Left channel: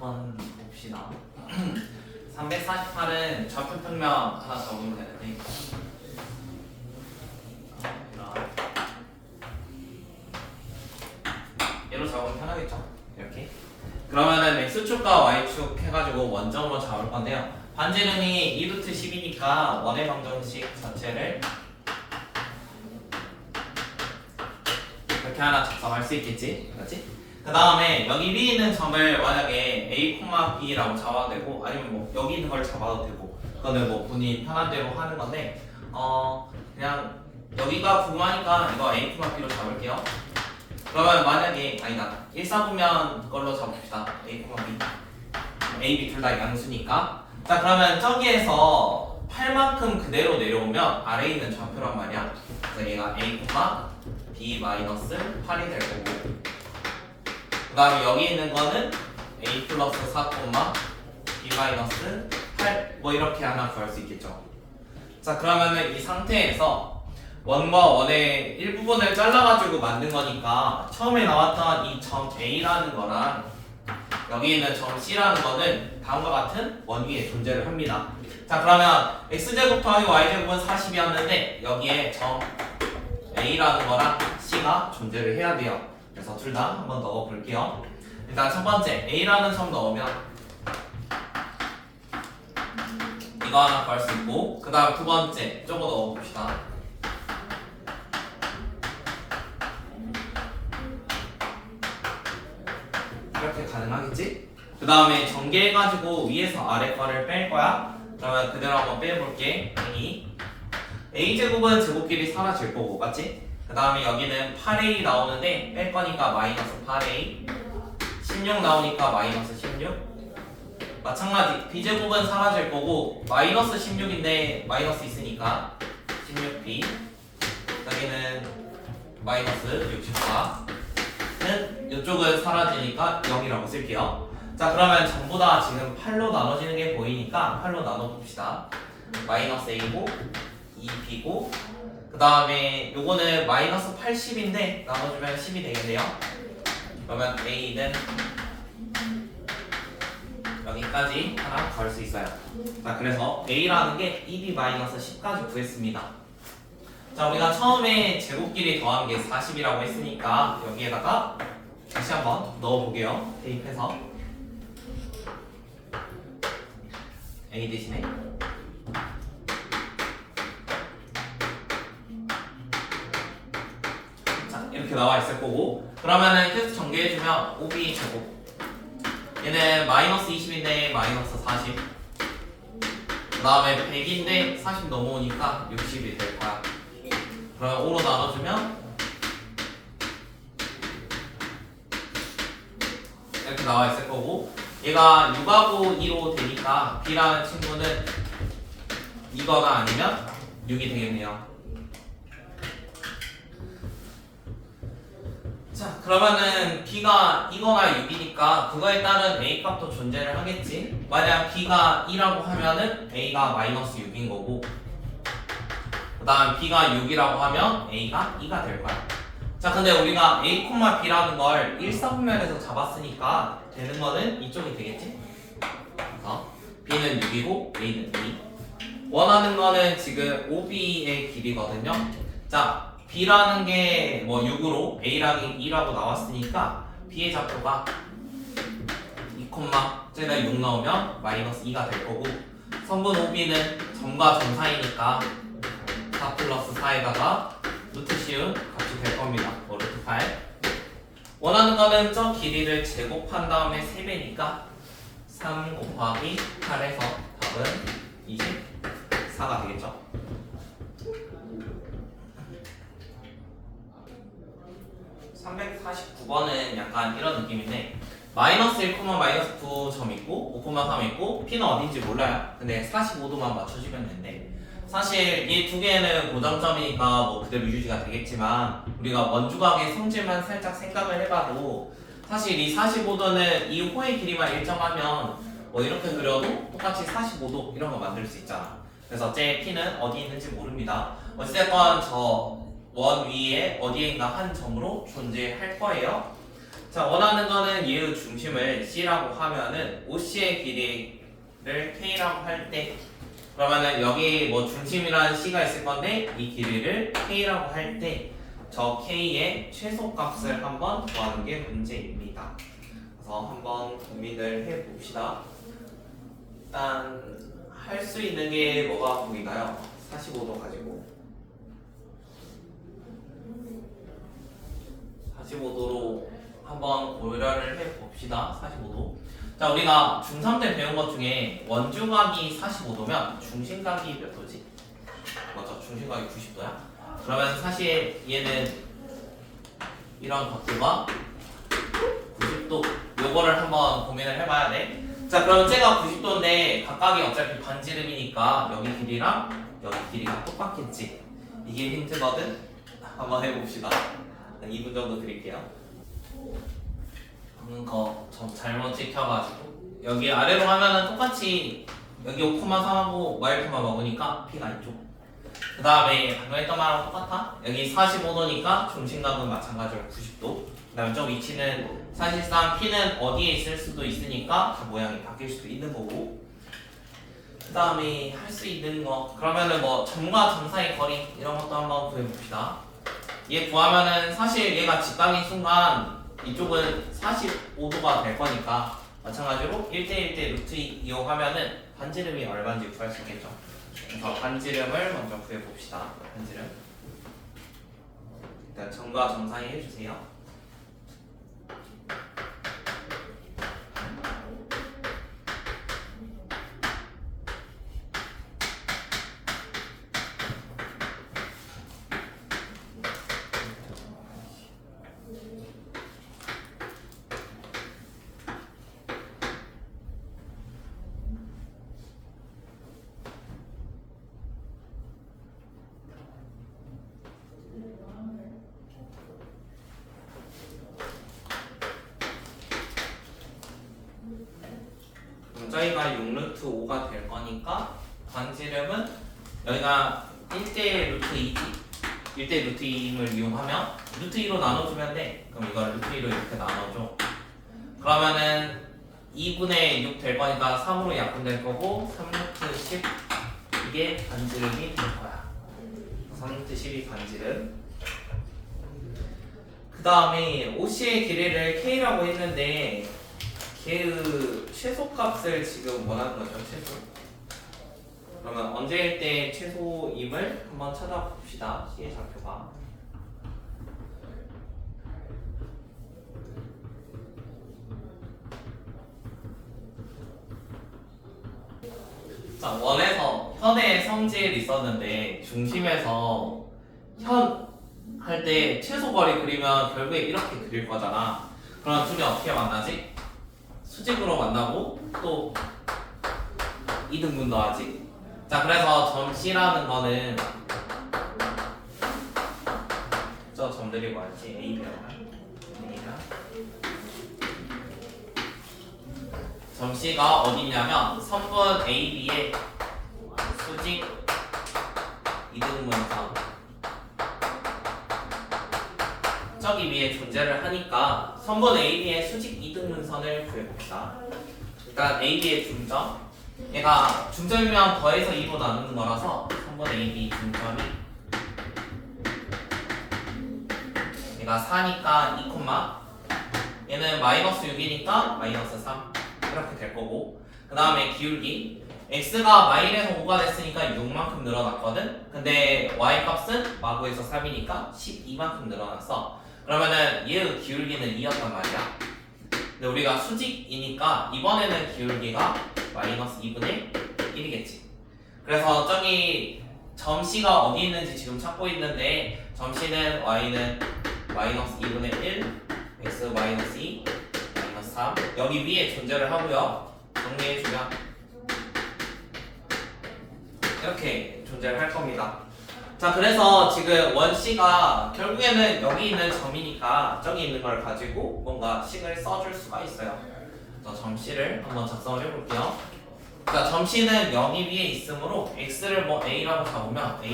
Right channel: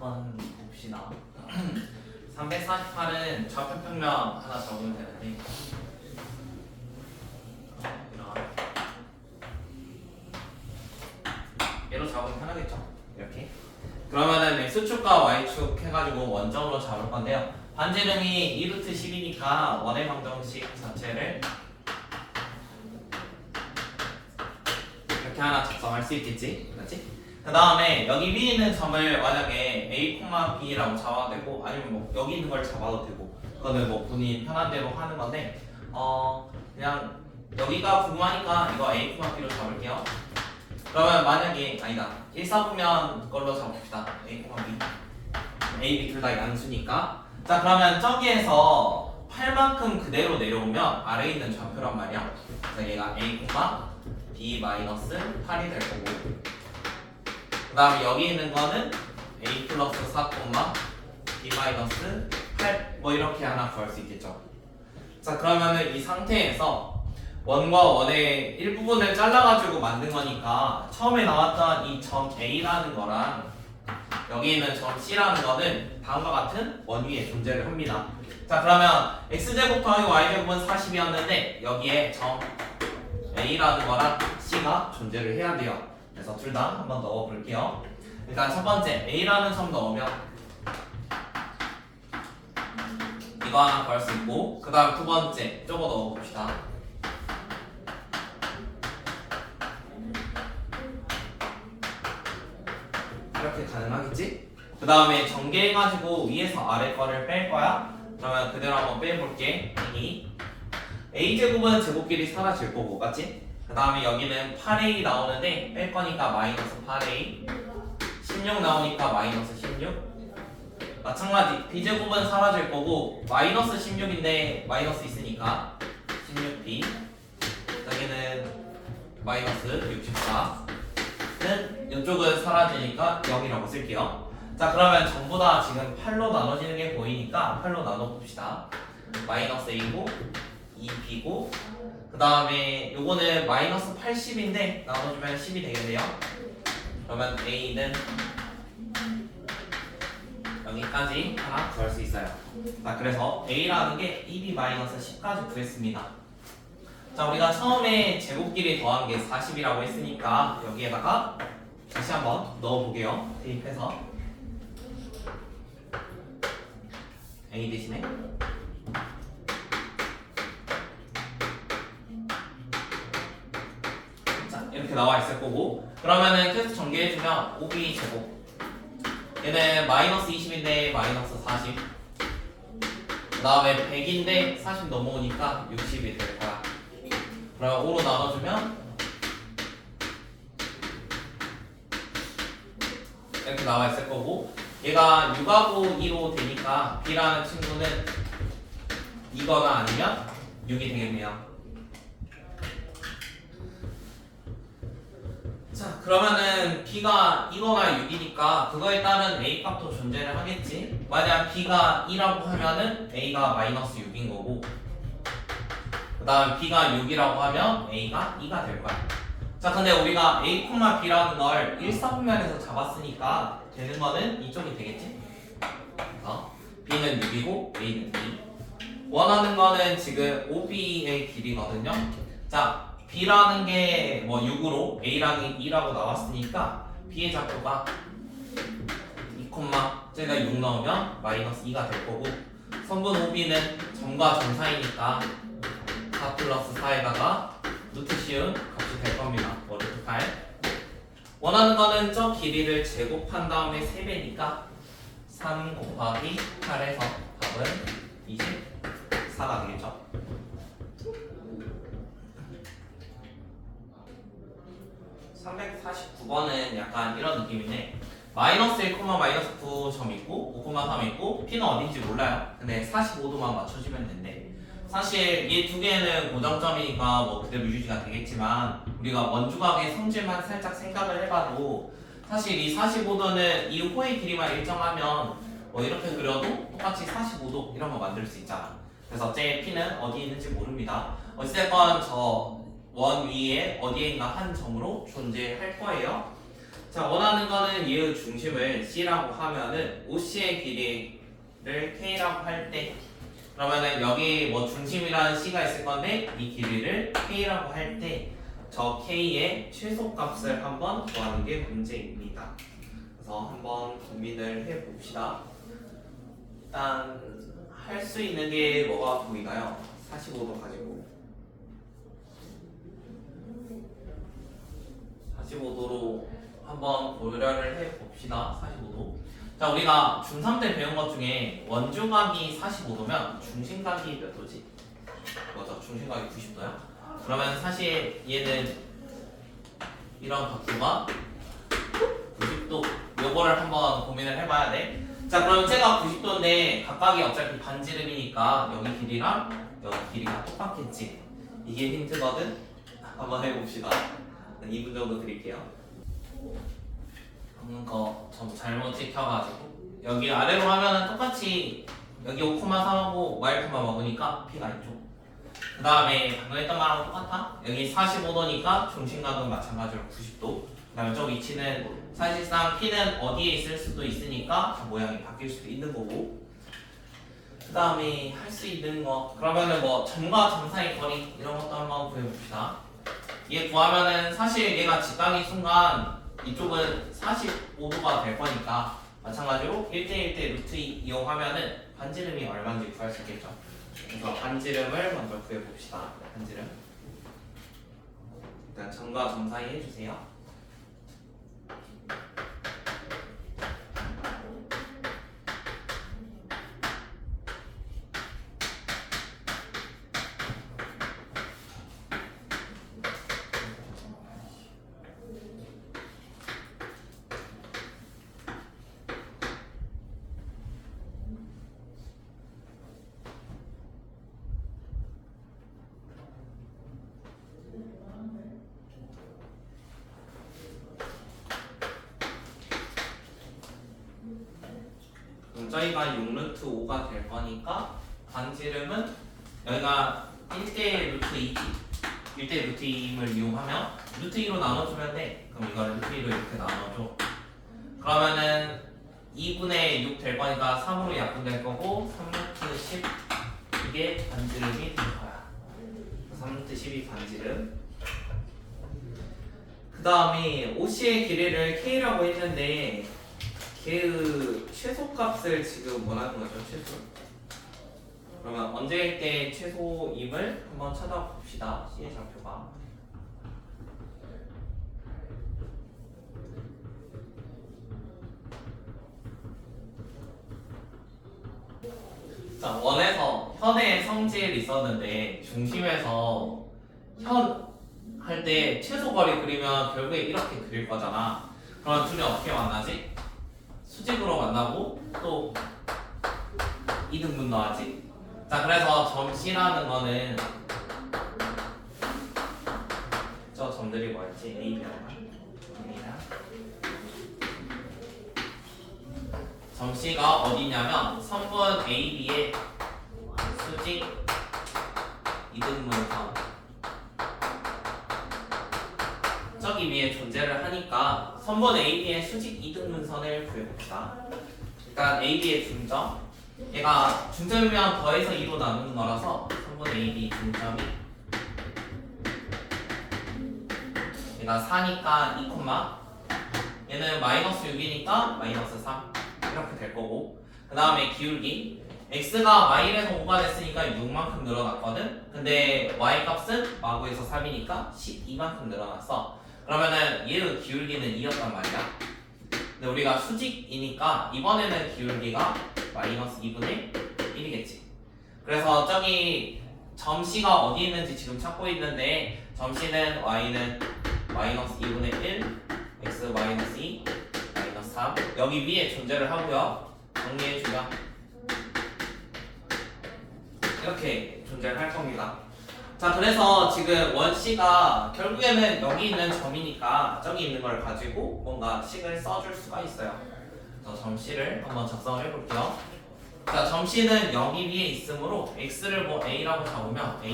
한번 봅시다. 348은 좌표평면 하나 적으면 되는데 얘로 적으면 편하겠죠? 이렇게. 그러면은 x축과 y축 해가지고 원점으로 잡을 건데요. 반지름이 2루트 10이니까 원의 방정식 자체를 이렇게 하나 작성할 수 있겠지? 그렇지? 그 다음에 여기 위에 있는 점을 만약에 a, b라고 잡아도 되고 아니면 뭐 여기 있는 걸 잡아도 되고 그거는 뭐 본인 편한 대로 하는 건데 그냥 여기가 궁금하니까 이거 a, b로 잡을게요. 그러면 만약에 아니다 1사분면 걸로 잡읍시다. a, b a, b 둘 다 양수니까 자 그러면 저기에서 8만큼 그대로 내려오면 아래에 있는 좌표란 말이야. 그래서 얘가 a, b 마이너스 8이 될 거고 그 다음에 여기 있는 거는 a 플러스 4, b 마이너스 8 뭐 이렇게 하나 구할 수 있겠죠. 자 그러면은 이 상태에서 원과 원의 일부분을 잘라가지고 만든 거니까 처음에 나왔던 이 점 a라는 거랑 여기 있는 점 c라는 거는 다음과 같은 원 위에 존재를 합니다. 자 그러면 x제곱 더하기 y제곱은 40이었는데 여기에 점 a라는 거랑 c가 존재를 해야 돼요. 그래서 둘 다 한번 넣어 볼게요. 일단 첫 번째 a라는 점 넣으면 이거 하나 구할 수 있고 그 다음 두 번째 저거 넣어 봅시다. 이렇게 가능하겠지? 그 다음에 전개해가지고 위에서 아래 거를 뺄 거야. 그러면 그대로 한번 빼볼게. a제곱은 제곱끼리 사라질 거고 맞지? 그 다음에 여기는 8a 나오는데 뺄 거니까 마이너스 8a 16 나오니까 마이너스 16 마찬가지 b제곱은 사라질 거고 마이너스 16인데 마이너스 있으니까 16b 여기는 마이너스 64는 이쪽은 사라지니까 0이라고 쓸게요. 자 그러면 전부 다 지금 8로 나눠지는 게 보이니까 8로 나눠봅시다. 마이너스 a고 2b고 그 다음에 요거는 마이너스 80인데 나눠주면 10이 되겠네요. 그러면 a는 여기까지 하나 구할 수 있어요. 자 그래서 a라는 게 2b 마이너스 10까지 구했습니다. 자 우리가 처음에 제곱끼리 더한 게 40이라고 했으니까 여기에다가 다시 한번 넣어보게요. 대입해서 a 대신에 이렇게 나와 있을 거고 그러면은 계속 전개해주면 5b 제곱 얘는 마이너스 20인데 마이너스 40 그 다음에 100인데 40 넘어오니까 60이 될 거야. 그럼 5로 나눠주면 이렇게 나와 있을 거고 얘가 6하고 2로 되니까 b라는 친구는 이거나 아니면 6이 되겠네요. 자 그러면은 b가 이거나 6이니까 그거에 따른 a 값도 존재를 하겠지. 만약 b가 2라고 하면은 a가 마이너스 6인 거고 그 다음 b가 6이라고 하면 a가 2가 될 거야. 자 근데 우리가 a, b라는 걸 1사분면에서 잡았으니까 되는 거는 이쪽이 되겠지. b는 6이고 a는 2 원하는 거는 지금 5b의 길이거든요. 자 b라는 게 뭐 6으로 a라는 게 2라고 나왔으니까 b의 좌표가 2, 쟤가 6 나오면 마이너스 2가 될 거고 선분 OB는 점과 점 사이니까 4 플러스 4에다가 루트 씌운 값이 될 겁니다. 뭐 루트 8 원하는 거는 저 길이를 제곱한 다음에 3배니까 3 곱하기 8에서 답은 24가 되겠죠. (349번은) 약간 이런 느낌인데 마이너스 1, 마이너스 9점 있고 5,3 있고 p는 어딘지 몰라요. 근데 45도만 맞춰주면 된대. 사실 이 두 개는 고정점이니까 뭐 그대로 유지가 되겠지만 우리가 원주각의 성질만 살짝 생각을 해봐도 사실 이 45도는 이 호의 길이만 일정하면 뭐 이렇게 그려도 똑같이 45도 이런 거 만들 수 있잖아. 그래서 제 p는 어디 있는지 모릅니다. 어찌됐건 저 원 위에 어디엔가 한 점으로 존재할 거예요. 자, 원하는 거는 얘의 중심을 C라고 하면은 OC의 길이를 K라고 할 때, 그러면은 여기 뭐 중심이라는 C가 있을 건데 이 길이를 K라고 할 때 저 K의 최소값을 한번 구하는 게 문제입니다. 그래서 한번 고민을 해봅시다. 일단 할 수 있는 게 뭐가 보이나요? 45도 가지고 45도로 한번 고려를 해봅시다. 45도. 자, 우리가 중3 때 배운 것 중에 원주각이 45도면 중심각이 몇 도지? 맞아, 중심각이 90도야. 그러면 사실 얘는 이런 각도가 90도, 요거를 한번 고민을 해봐야 돼. 자, 그럼 쟤가 90도인데 각각이 어차피 반지름이니까 여기 길이랑 여기 길이가 똑같겠지. 이게 힌트거든? 한번 해봅시다. 2분 정도 드릴게요. 거 좀 잘못 찍혀가지고 여기 아래로 가면은 똑같이 여기 5,3하고 y, 먹으니까 p가 이쪽. 그 다음에 방금 했던 말하고 똑같아. 여기 45도니까 중심각은 마찬가지로 90도. 그 다음에 저 위치는 사실상 p는 어디에 있을 수도 있으니까 모양이 바뀔 수도 있는 거고. 그 다음에 할 수 있는 거 그러면은 뭐 점과 점 사이 거리 이런 것도 한번 구해봅시다. 얘 구하면은 사실 얘가 직각인 순간 이쪽은 45도가 될 거니까 마찬가지로 1대1대 루트 2 이용하면은 반지름이 얼마인지 구할 수 있겠죠. 그래서 반지름을 먼저 구해봅시다. 반지름 일단 점과 점 사이 해주세요. 저희가 6루트 5가 될 거니까 반지름은 여기가 1대 루트 2지 1대 루트 2을 이용하면 루트 2로 나눠주면 돼. 그럼 이걸 루트 2로 이렇게 나눠줘. 그러면은 2분의 6 될 거니까 3으로 약분될 거고 3루트 10 이게 반지름이 될 거야. 3루트 10이 반지름. 그 다음에 OC의 길이를 K라고 했는데 걔의 최소값을 지금 원하는 거죠, 최소. 그러면 언제일 때 최소임을 한번 찾아봅시다. C의 좌표가. 자, 원에서 현의 성질이 있었는데 중심에서 현 할 때 최소 거리 그리면 결국에 이렇게 그릴 거잖아. 그럼 둘이 어떻게 만나지? 수직으로 만나고 또 이등분 더하지. 자, 그래서 점 C라는 거는 저 점들이 뭐였지? A랑 점 C가 어디냐면 선분 AB의 수직 이등분선 저기 위에 존재를 하니까 선분 AB의 수직 이등분선을 구해봅시다. 일단 AB의 중점 얘가 중점이면 더해서 2로 나누는 거라서 선분 AB 중점이 얘가 4니까 2, 얘는 마이너스 6이니까 마이너스 3 이렇게 될 거고, 그 다음에 기울기 x가 마일에서 5가 됐으니까 6만큼 늘어났거든. 근데 y 값은 마구에서 3이니까 12만큼 늘어났어. 그러면은 얘의 기울기는 2였단 말이야. 근데 우리가 수직이니까 이번에는 기울기가 마이너스 2분의 1이겠지. 그래서 저기 점 C가 어디 있는지 지금 찾고 있는데 점 C는 y는 마이너스 2분의 1 x 마이너스 2 마이너스 3 여기 위에 존재를 하고요. 정리해주면 이렇게 존재를 할 겁니다. 자, 그래서 지금 원C가 결국에는 여기 있는 점이니까 저기 있는 걸 가지고 뭔가 식을 써줄 수가 있어요. 그래서 점 C를 한번 작성을 해볼게요. 자, 점 C는 여기 위에 있으므로 x를 뭐 a라고 잡으면 a,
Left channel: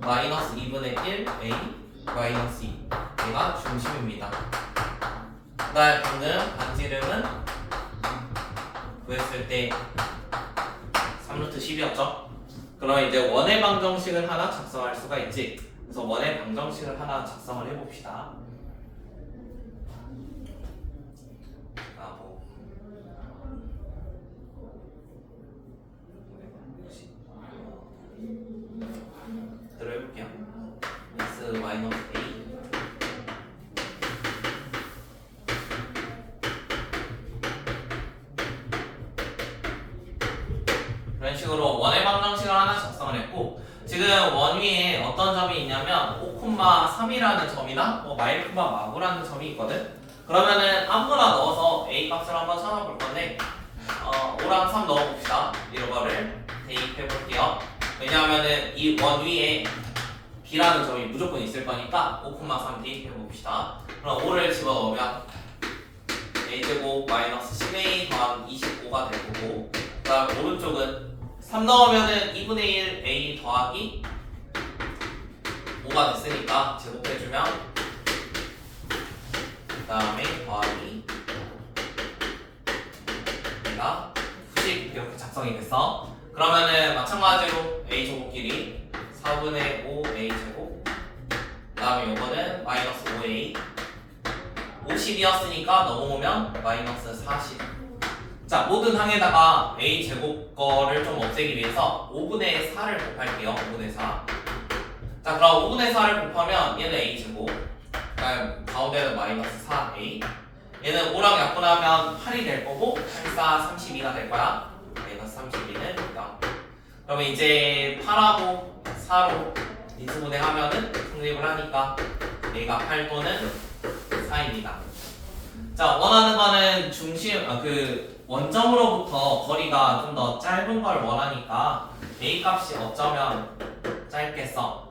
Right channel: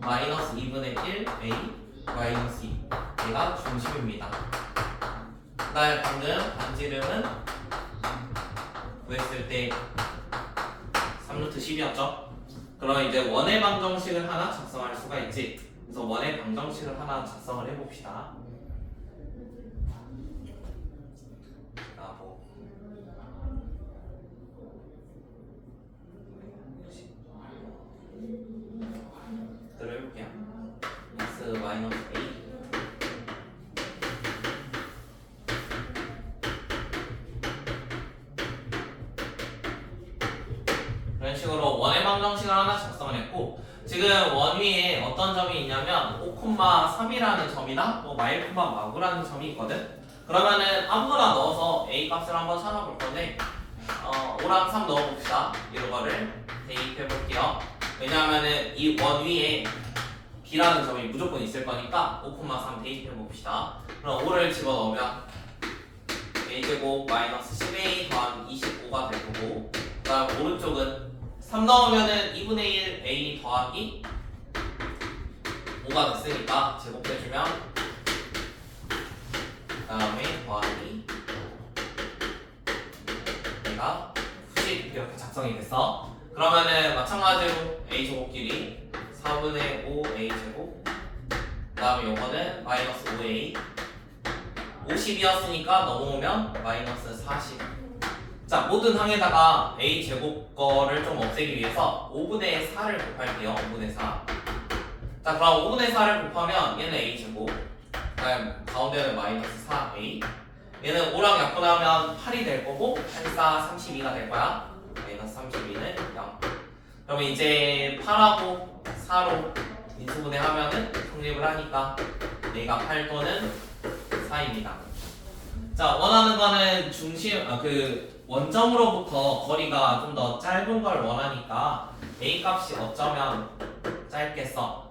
마이너스 2분의 1 a 마이너스 2 얘가 중심입니다. 그다음에 방금 반지름은 구했을 때 3루트 10이었죠? 그럼 이제 원의 방정식을 하나 작성할 수가 있지. 그래서 원의 방정식을 하나 작성을 해봅시다. 해볼게요. x 마이너스 a 그런 식으로 원의 방정식을 하나 작성을 했고, 지금 원 위에 어떤 점이 있냐면 5,3이라는 점이나 뭐 마일, 마구라는 점이 있거든. 그러면은 아무거나 넣어서 a 값을 한번 찾아볼 건데 5랑 3 넣어봅시다. 이런 거를 대입해 볼게요. 왜냐하면은 이 원 위에 b라는 점이 무조건 있을 거니까 5,3 대입해 봅시다. 그럼 5를 집어넣으면 a제곱 마이너스 10a 더한 25가 될 거고, 그 다음 오른쪽은 3 넣으면은 2분의 1 a 더하기 5가 됐으니까 제곱해주면 그 다음에 더하기 얘가 90 이렇게 작성이 됐어. 그러면은 마찬가지로 a 제곱끼리 4분의 5a 제곱, 그 다음에 요거는 마이너스 5a 50이었으니까 넘어오면 마이너스 40. 자, 모든 항에다가 a 제곱 거를 좀 없애기 위해서 5분의 4를 곱할게요. 5분의 4. 자, 그럼 5분의 4를 곱하면 얘는 a 제곱, 그다음 가운데는 마이너스 4a, 얘는 5랑 약분하면 8이 될 거고 8, 4, 32가 될 거야. 마이너스 32는 0. 그러면 이제 8하고 4로 인수분해 하면은 성립을 하니까 얘가 8 또는 4입니다. 자, 원하는 거는 중심, 원점으로부터 거리가 좀 더 짧은 걸 원하니까 a 값이 어쩌면 짧겠어.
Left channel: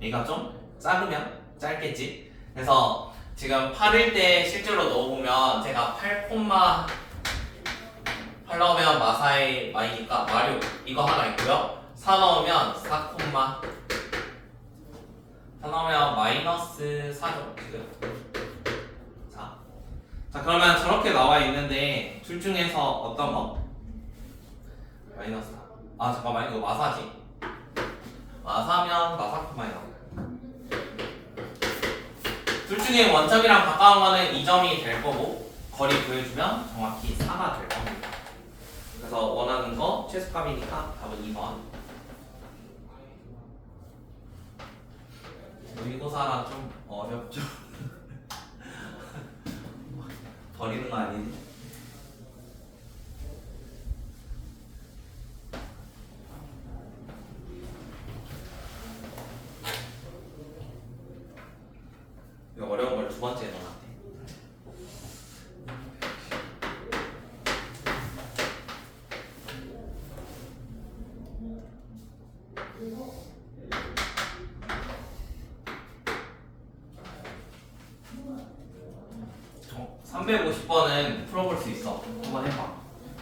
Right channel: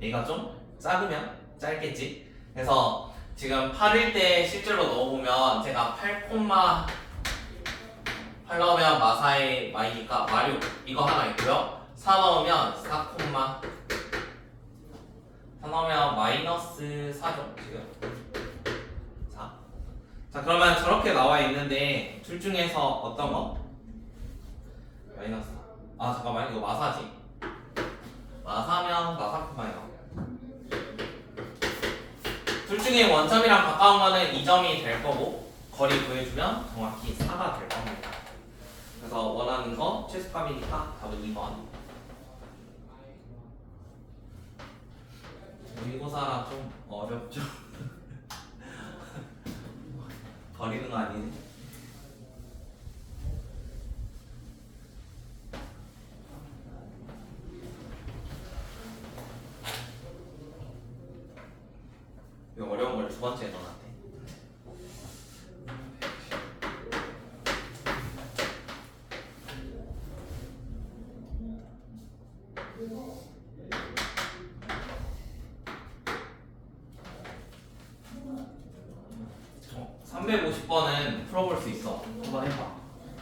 a가 좀 작으면 짧겠지. 그래서 지금 8일 때 실제로 넣어보면 제가 8 넣으면 마사의 마이니까 마류 이거 하나 있고요. 4 넣으면 4, 4 넣으면 마이너스 4죠 지금. 자, 그러면 저렇게 나와 있는데 둘 중에서 어떤 거? 마이너스 4. 아 잠깐만, 이거 마사지. 마사면 마사 콤마이너. 둘 중에 원점이랑 가까운 거는 2점이 될 거고, 거리 구해주면 정확히 4가 될 겁니다. 그래서 원하는 거 최소값이니까 답은 2번. 모의고사라 좀 어렵죠. 버리는 거 아니지? 이거 어려운 걸 두 번째 넣어놨대. 어, 350번은 풀어볼 수 있어. 한번 해봐.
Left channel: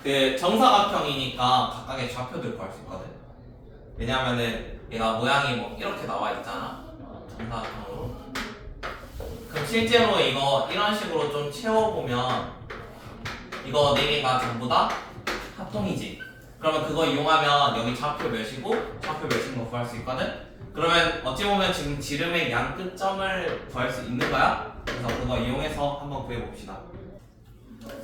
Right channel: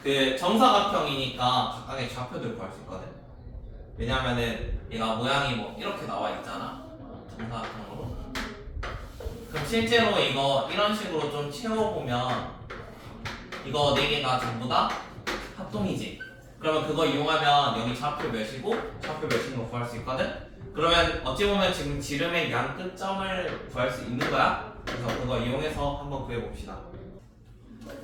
그 정사각형이니까 각각의 좌표들 구할 수 있거든. 왜냐면은 얘가 모양이 뭐 이렇게 나와 있잖아. 정사각형으로. 그럼 실제로 이거 이런 식으로 좀 채워보면 이거 4개가 전부 다 합동이지. 그러면 그거 이용하면 여기 좌표 몇이고 좌표 몇인 거 구할 수 있거든. 그러면 어찌 보면 지금 지름의 양 끝점을 구할 수 있는 거야. 그래서 그거 이용해서 한번 구해봅시다.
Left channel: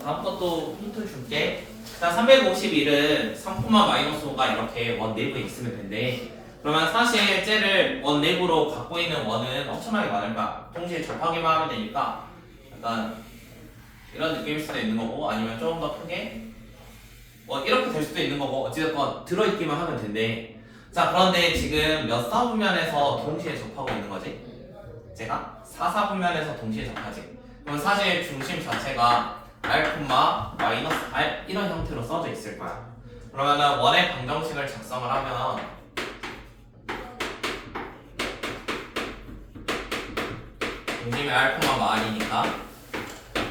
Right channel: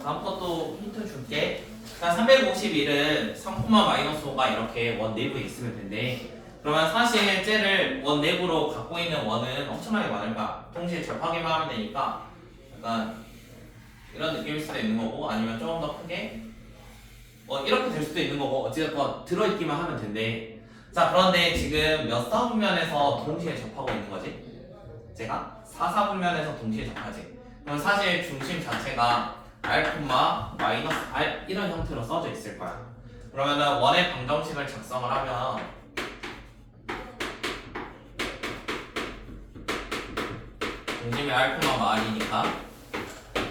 다음 것도 힌트 줄게. 일단 351은 3,-5가 이렇게 원 내부에 있으면 된대. 그러면 사실 쟤를 원 내부로 갖고 있는 원은 엄청나게 많은 거야. 동시에 접하기만 하면 되니까 약간 이런 느낌일 수도 있는 거고, 아니면 조금 더 크게 뭐 이렇게 될 수도 있는 거고, 어찌됐건 들어있기만 하면 된대. 자, 그런데 지금 몇 사분면에서 동시에 접하고 있는 거지? 제가 4사분면에서 동시에 접하지. 그럼 사실 중심 자체가 r, r 이런 형태로 써져 있을 거야. 그러면은 원의 방정식을 작성을 하면 중심이 r, r이니까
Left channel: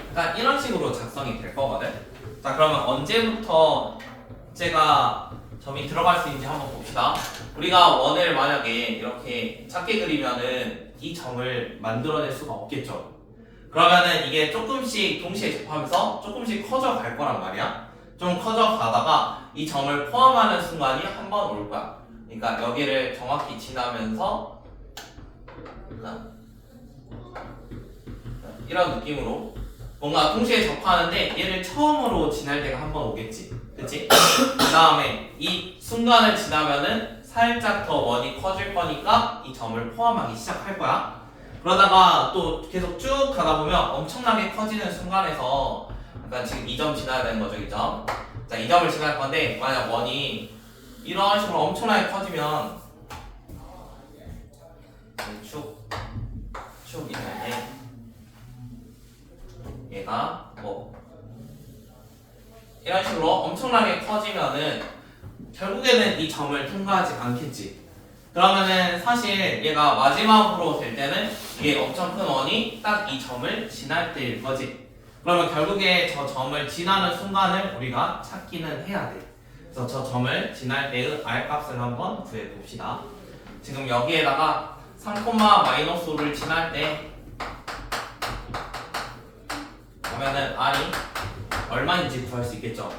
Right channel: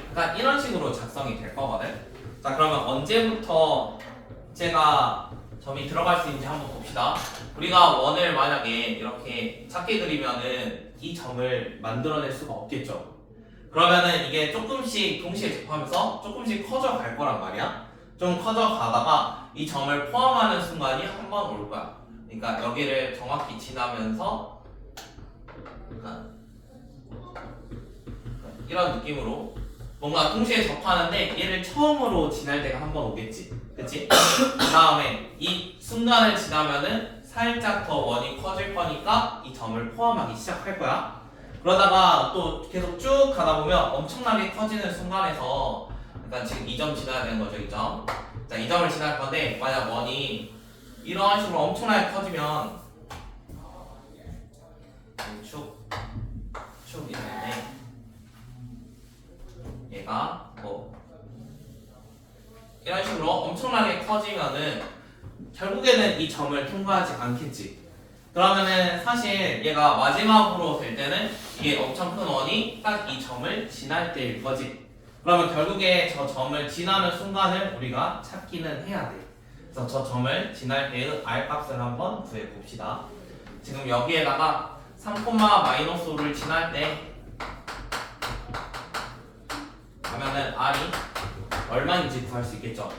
일단 이런 식으로 작성이 될 거거든. 자, 그러면 언제부터 제가 점이 들어갈 수 있는지 한번 봅시다. 우리가 원을 만약에 이렇게 작게 그리면은 이 점을 만들어낼 수가 없겠죠. 그러면은 이게 조금씩 동시에 접하면서 조금씩 커져 갈 거란 말이야. 좀 커져 가다가 이 점을 포함하는 순간이 한 번 올 거야. 그러니까 여기를 정확히 지나면서 이런 느낌으로 뭔가 동시에 접하는데 얘를 처음으로 지날 때가 한 번 오겠지. 그치? 그 다음에 이 순간을 지나면은 살짝 더 원이 커질 거니까 이 점을 포함하기 시작할 거야. 그러다가 또 계속 쭉 가다 보면 엄청나게 커지는 순간에서 일단 지금 이 점 지나야 되는 거죠, 이 점. 자, 이 점을 지날 건데 만약 원이 이런 식으로 엄청나게 커지면 쭉 있는데 얘가 뭐 이런 식으로 엄청나게 커지면은 결국에는 이 점을 통과하지 않겠지. 그러면은 사실 얘가 마지막으로 될 때는 이게 엄청 큰 원이 딱 이 점을 지날 때일 거지. 그러면 결국에 저 점을 지나는 순간을 우리가 찾기는 해야 돼. 그래서 저 점을 지날 때의 r 값을 한번 구해 봅시다. 지금 여기에다가 3,-5를 지날 때 하면은 r이 얼마인지 구할 수 있겠죠.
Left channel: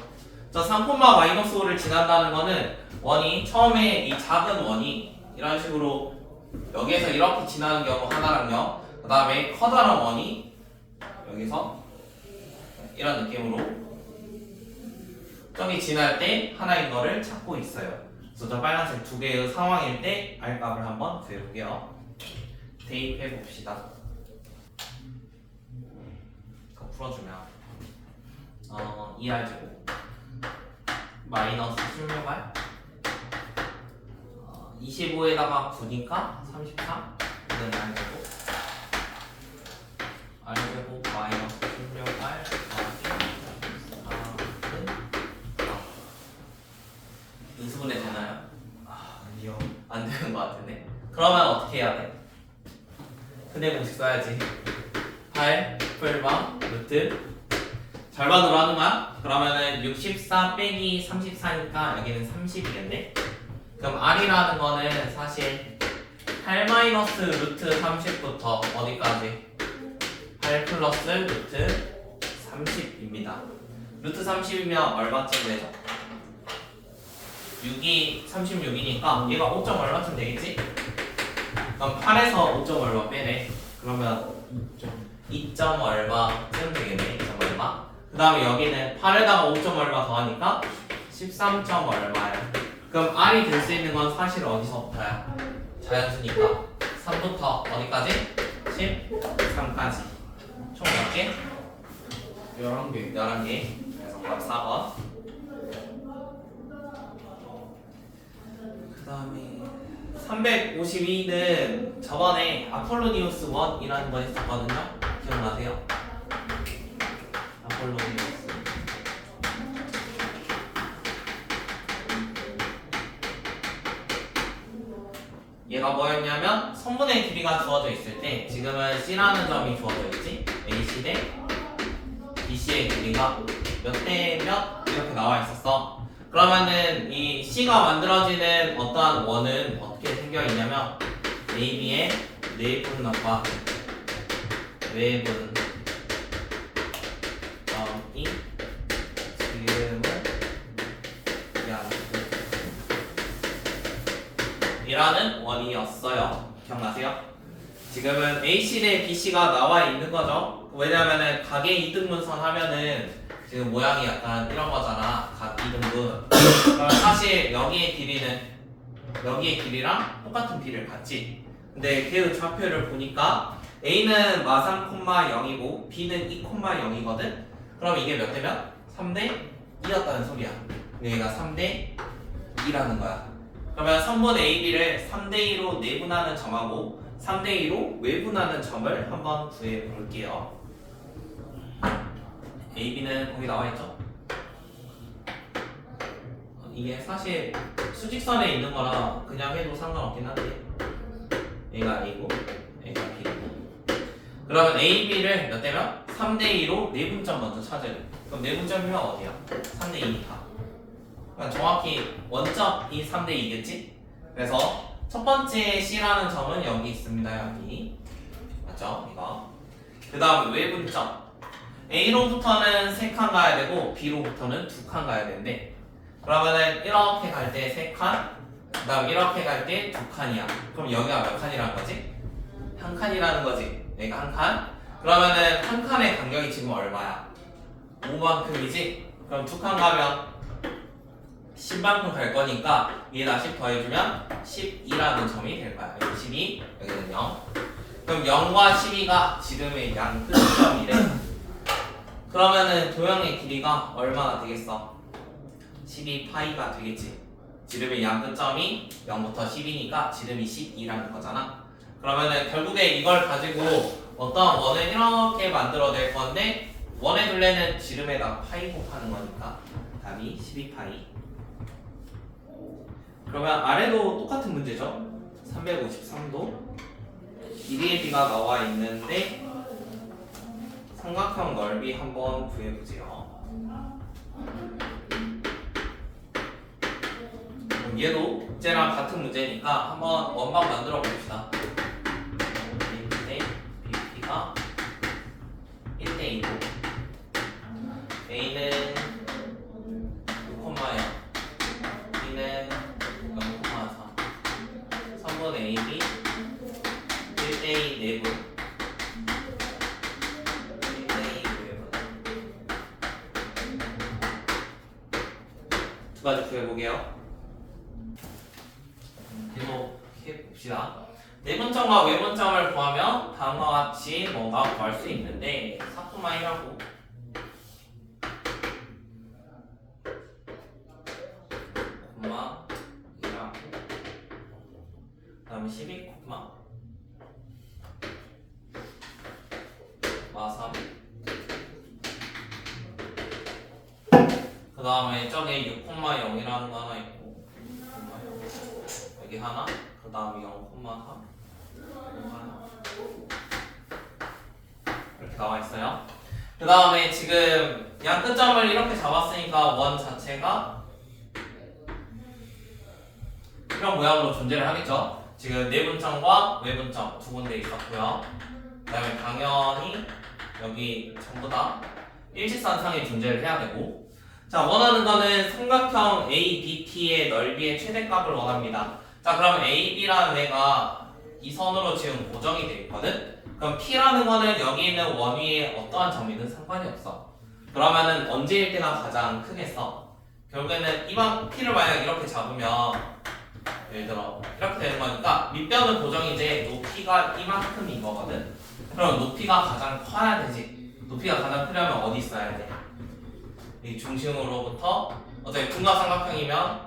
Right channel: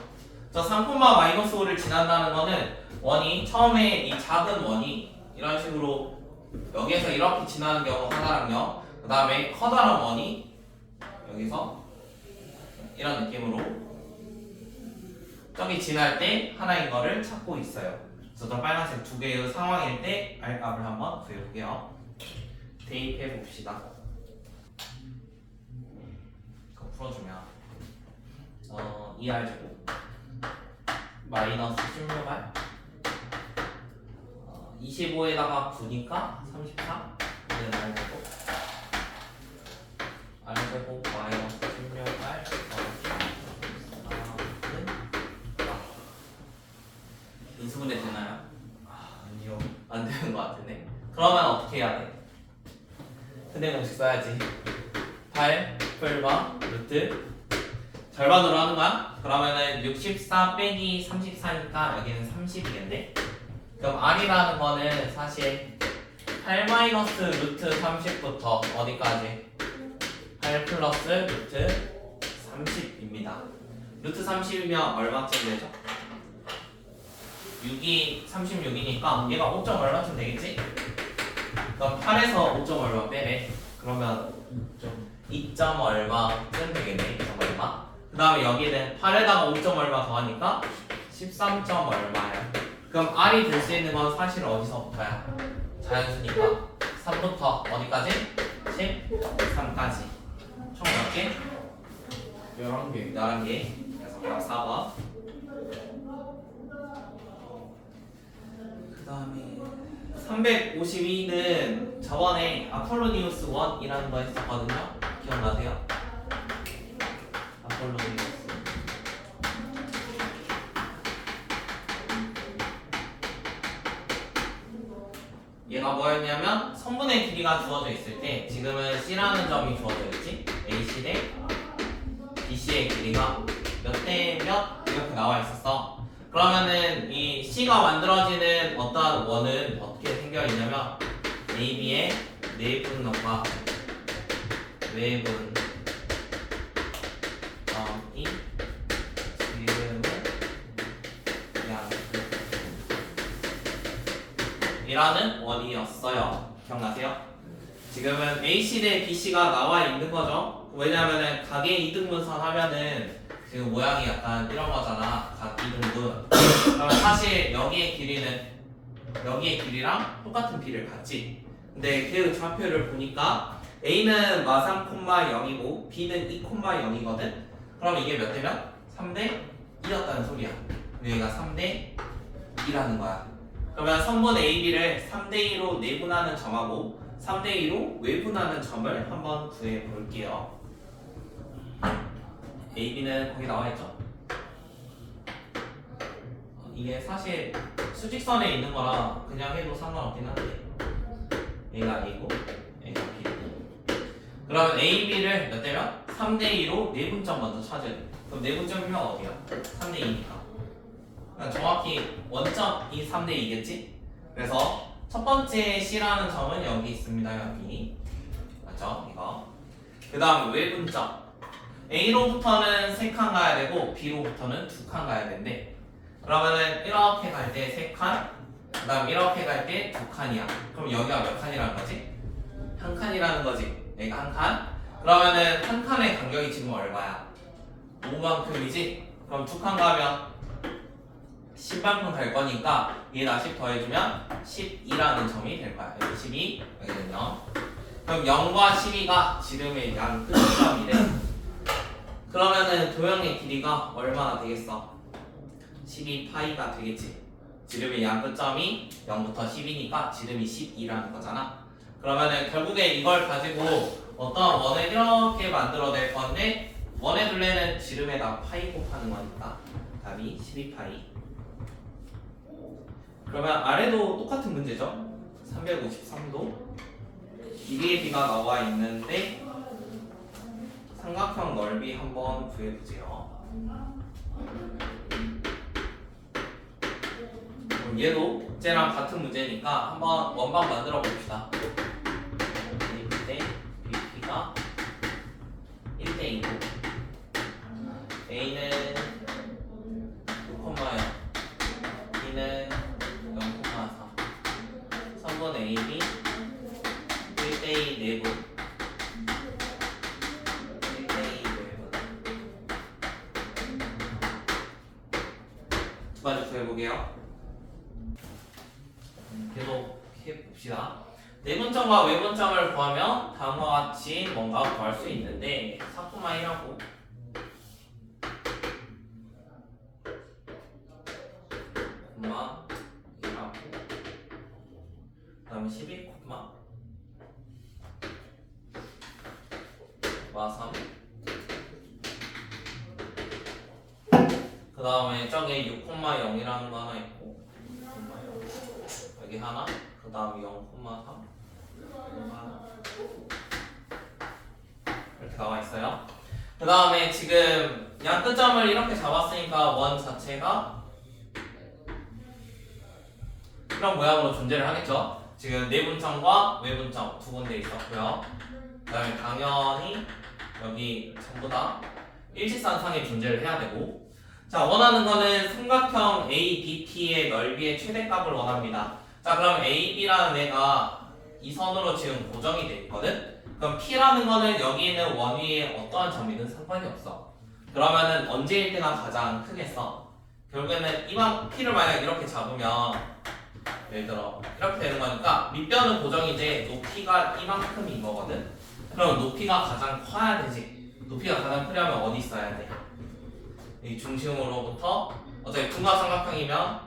저 3,-5를 지난다는 거는 원이 처음에 이 작은 원이 이런 식으로 여기에서 이렇게 지나는 경우 하나랑요. 그 다음에 커다란 원이 여기서 이런 느낌으로 저기 지날 때 하나인 거를 찾고 있어요. 그래서 저 빨간색 두 개의 상황일 때 r 값을 한번 구해볼게요. 대입해 봅시다. 그거 풀어주면 2r제곱 마이너스 16r 25에다가 9니까 33 이는 r제곱 r제곱 마이너스 16r 인수분해 되나요? 아니요. 안 되는 것 같은데. 그러면 어떻게 해야 돼? 근데 공식 써야지. 8 풀마 루트 절반으로 하는 거야? 그러면은 64 빼기 34니까 여기는 30이겠네? 그럼 r이라는 거는 사실 8 마이너스 루트 30부터 어디까지? 8 플러스 루트 30입니다. 루트 30이면 얼마쯤 되죠? 6이 36이니까 얘가 5점 얼마쯤 되겠지? 그럼 8에서 5점 얼마 빼래? 그러면 2점 얼마쯤 되겠네. 2점 얼마? 그 다음에 여기는 8에다가 5점 얼마 더하니까 13점 얼마야. 그럼 r이 될 수 있는 건 사실 어디서부터야? 자연수니까 3부터 어디까지? 13까지. 총 몇 개? 11개. 11개. 그래서 답 4번. 그 다음에 352는 저번에 아폴로니우스 1이라는 거 했었거든요. 기억나세요? 아폴로니우스 얘가 뭐였냐면 선분의 길이가 주어져 있을 때 지금은 C라는 점이 주어져 있지. AC 대 BC의 길이가 몇 대 몇 이렇게 나와 있었어. 그러면은 이 C가 만들어지는 어떠한 원은 어떻게 생겨 있냐면 AB의 내분점과 외분점이 지름을 이라는 원이었어요. 기억나세요? 지금은 AC 대 BC가 나와 있는 거죠. 왜냐면은 각의 이등분선 하면은 지금 모양이 약간 이런 거잖아. 각 이등분. 그럼 사실 여기의 길이랑 똑같은 비를 갖지. 근데 걔의 좌표를 보니까 A는 마 3,0이고 B는 2,0이거든. 그럼 이게 몇 대 몇? 3대 2였다는 소리야. 여기가 3대 2라는 거야. 그러면 선분 AB를 3대2로 내분하는 점하고 3대2로 외분하는 점을 한번 구해 볼게요. AB는 거기 나와 있죠? 이게 사실 수직선에 있는 거라 그냥 해도 상관없긴 한데 A가 A고 A가 B고 그러면 AB를 몇 대 몇? 3대2로 내분점 먼저 찾아야 돼. 그럼 내분점이면 어디야? 3대2니까 그러니까 정확히 원점이 3대2겠지? 그래서 첫 번째 C라는 점은 여기 있습니다. 여기 맞죠? 이거 그 다음 외분점 A로부터는 3칸 가야 되고 B로부터는 2칸 가야 되는데 그러면은 이렇게 갈 때 3칸 그 다음 이렇게 갈 때 2칸이야. 그럼 여기가 몇 칸이라는 거지? 한 칸이라는 거지. 여기가 한 칸. 그러면은 한 칸의 간격이 지금 얼마야? 5만큼이지? 그럼 2칸 가면 10만큼 갈 거니까 얘에다 10 더해주면 12라는 점이 될 거야. 여기 12, 여기는 0. 그럼 0과 12가 지름의 양 끝점이래. 그러면은 도형의 길이가 얼마나 되겠어? 12파이가 되겠지. 지름의 양 끝점이 0부터 10이니까 지름이 12라는 거잖아. 그러면은 결국에 이걸 가지고 어떤 원을 이렇게 만들어낼 건데 원의 둘레는 지름에다 파이 곱하는 거니까 답이 12파이. 그러면 아래도 똑같은 문제죠. 353도 길이의 b가 나와 있는데 삼각형 넓이 한번 구해보세요. 그럼 얘도 쟤랑 같은 문제니까 한번 원방 만들어 봅시다. A인데 BP가 1대2고 A는 6,0 B는 0,3 3번 AB 1대2 내분 1대2 내분 두 가지 구해보게요. 해봅시다. 내분점과 외분점을 구하면 다음과 같이 뭔가 구할 수 있는데 4,1하고 콤마 1하고 그 다음에 12 콤마 마3 그 다음에 저기 6,0이라는 거 하나 있고 여기 하나 그 다음에 0,3 이렇게 나와 있어요. 그 다음에 지금 양 끝점을 이렇게 잡았으니까 원 자체가 이런 모양으로 존재를 하겠죠. 지금 내분점과 외분점 두 군데 있었고요. 그 다음에 당연히 여기 전부 다 일직선상에 존재를 해야 되고 자 원하는 거는 삼각형 ABT의 넓이의 최대값을 원합니다. 자 그럼 AB라는 애가 이 선으로 지금 고정이 돼 있거든. 그럼 P라는 거는 여기 있는 원 위에 어떠한 점이든 상관이 없어. 그러면은 언제일 때나 가장 크겠어. 결국에는 이만 P를 만약 이렇게 잡으면 예를 들어 이렇게 되는 거니까 밑변은 고정이지 높이가 이만큼인 거거든. 그럼 높이가 가장 커야 되지. 높이가 가장 크려면 어디 있어야 돼? 이 중심으로부터 어차피 둔각삼각형이면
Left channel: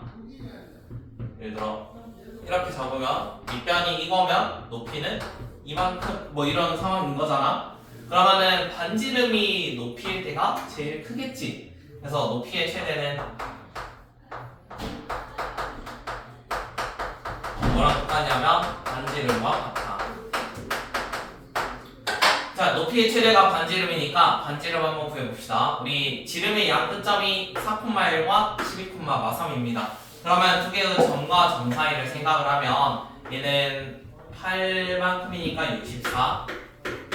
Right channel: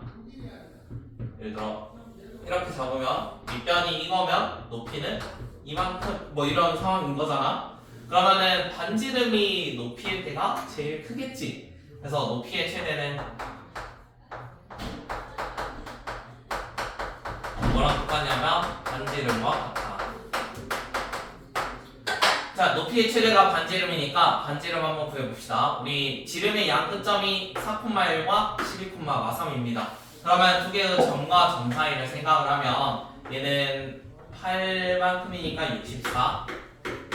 예를 들어 이렇게 잡으면 밑변이 이거면 높이는 이만큼 뭐 이런 상황인 거잖아. 그러면은 반지름이 높이일 때가 제일 크겠지. 그래서 높이의 최대는 뭐랑 똑같냐면 반지름과 같아. 자 높이의 최대가 반지름이니까 반지름 한번 구해봅시다. 우리 지름의 양 끝점이 4,1과 12,3입니다. 그러면 두 개의 점과 점 사이를 생각을 하면 얘는 8만큼이니까 64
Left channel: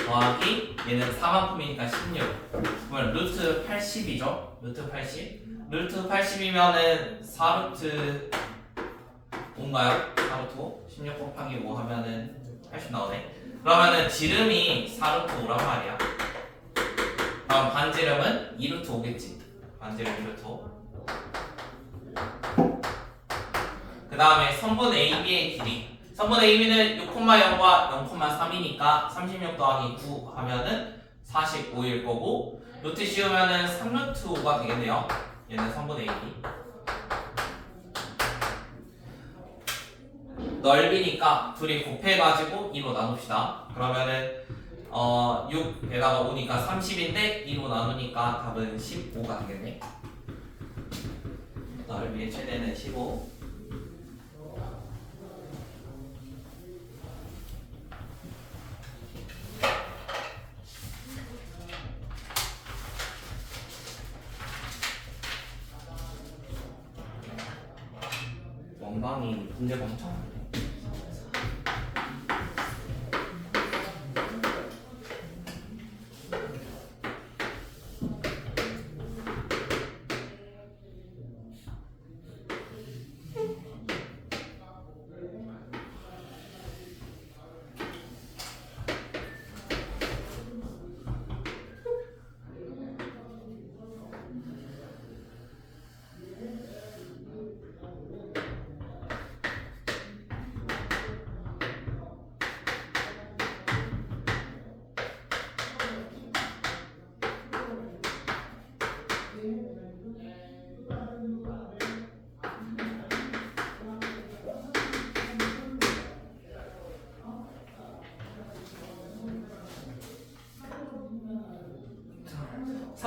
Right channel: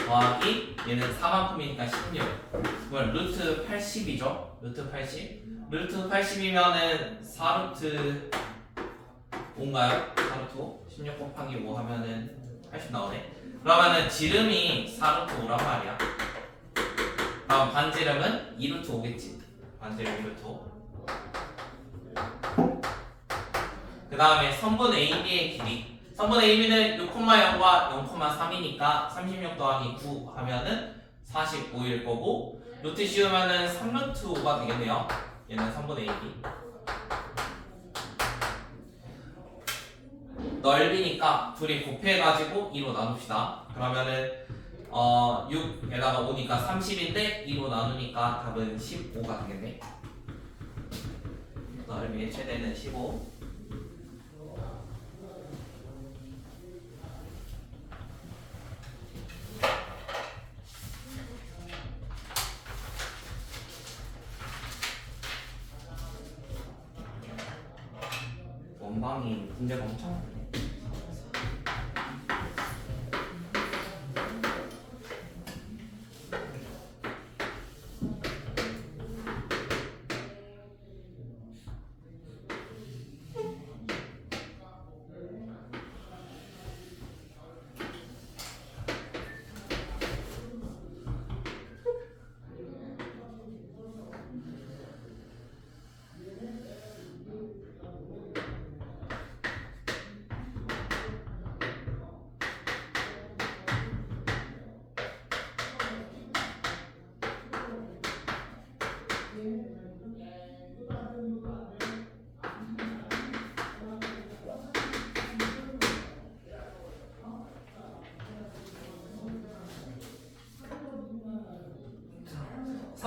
더하기 얘는 4만큼이니까 16 그러면 루트 80이죠. 루트 80 루트 80이면은 4루트 5인가요? 4루트 5 16 곱하기 5 하면은 80 나오네. 그러면은 지름이 4루트 5란 말이야. 그럼 반지름은 2루트 5겠지. 반지름 2루트 5. 그 다음에 선분 AB의 길이. 선분 AB는 6,0과 0,3이니까 36 더하기 9 하면은 45일 거고 루트 씌우면은 3루트 5가 되겠네요. 얘는 선분 AB. 넓이니까 둘이 곱해가지고 2로 나눕시다. 그러면은 6에다가 5니까 30인데 2로 나누니까 답은 15가 되겠네. 넓이의 최대는 15. 원방이 문제가 엄청 많네.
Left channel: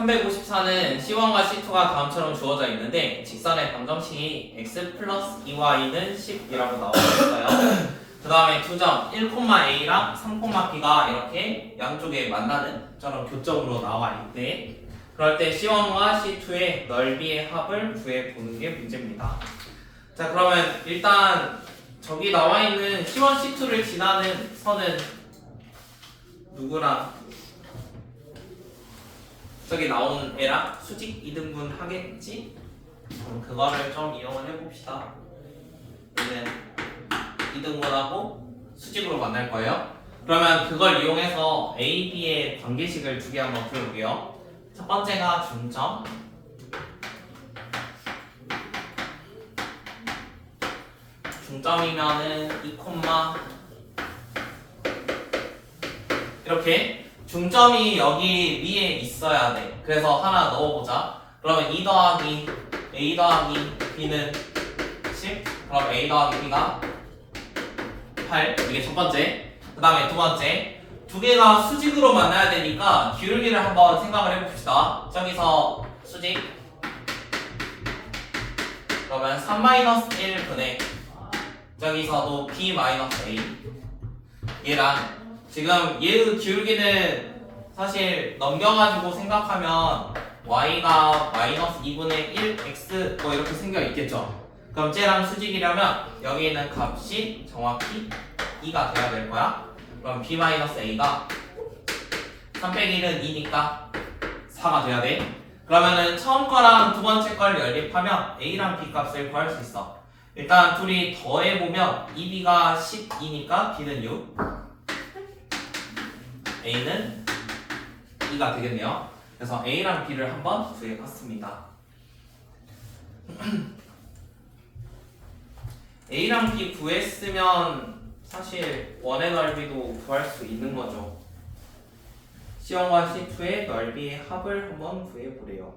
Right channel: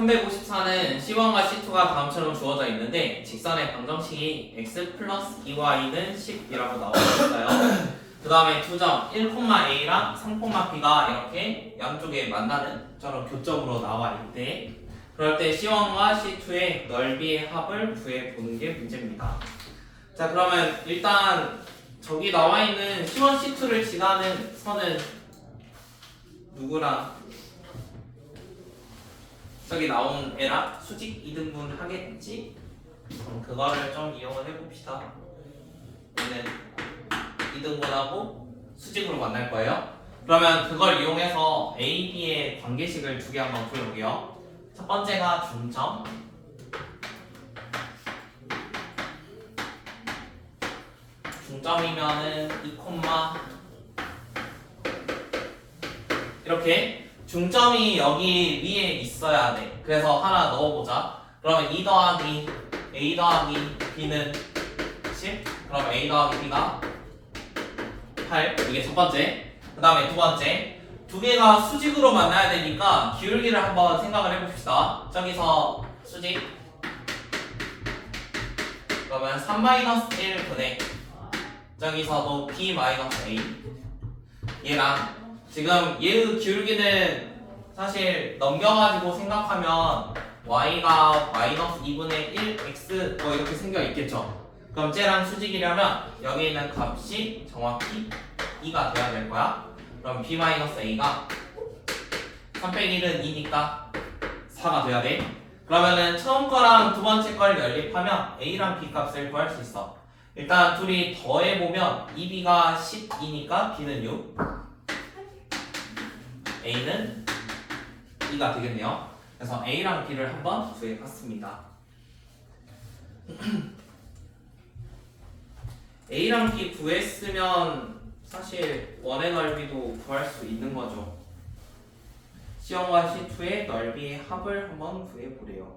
354는 C1과 C2가 다음처럼 주어져 있는데 직선의 방정식이 x 플러스 2y는 10이라고 나와 있어요. 그 다음에 두 점 1,a랑 3,b가 이렇게 양쪽에 만나는 저런 교점으로 나와 있대. 그럴 때 C1과 C2의 넓이의 합을 구해보는 게 문제입니다. 자, 그러면 일단 저기 나와 있는 C1, C2를 지나는 선은 누구랑 저기 나온 애랑 수직 이등분 하겠지? 그럼 그거를 좀 이용을 해봅시다. 얘는 이등분하고 수직으로 만날 거예요. 그러면 그걸 이용해서 A, B의 관계식을 두 개 한번 풀어볼게요. 첫 번째가 중점, 중점이면은 2, 이렇게 중점이 여기 위에 있어야 돼. 그래서 하나 넣어보자. 그러면 2 더하기 A 더하기 B는 10. 그럼 A 더하기 B가 8. 이게 첫 번째. 그 다음에 두 번째. 두 개가 수직으로 만나야 되니까 기울기를 한번 생각을 해봅시다. 저기서 수직. 그러면 3-1분의 저기서도 B-A. 얘랑 지금 얘의 기울기는 사실 넘겨가지고 생각하면 y가 마이너스 2분의 1 x 뭐 이렇게 생겨 있겠죠. 그럼 쟤랑 수직이려면 여기 있는 값이 정확히 2가 돼야 될 거야. 그럼 b-a가 3 빼기 1은 2니까 4가 돼야 돼. 그러면은 처음 거랑 두 번째 걸 연립하면 a랑 b 값을 구할 수 있어. 일단 둘이 더해보면 2b가 12니까 b는 6, a는 2가 되겠네요. 그래서 a랑 b를 한번 구해봤습니다. a랑 b 구했으면 사실 원의 넓이도 구할 수 있는 거죠. C1과 C2의 넓이의 합을 한번 구해보래요.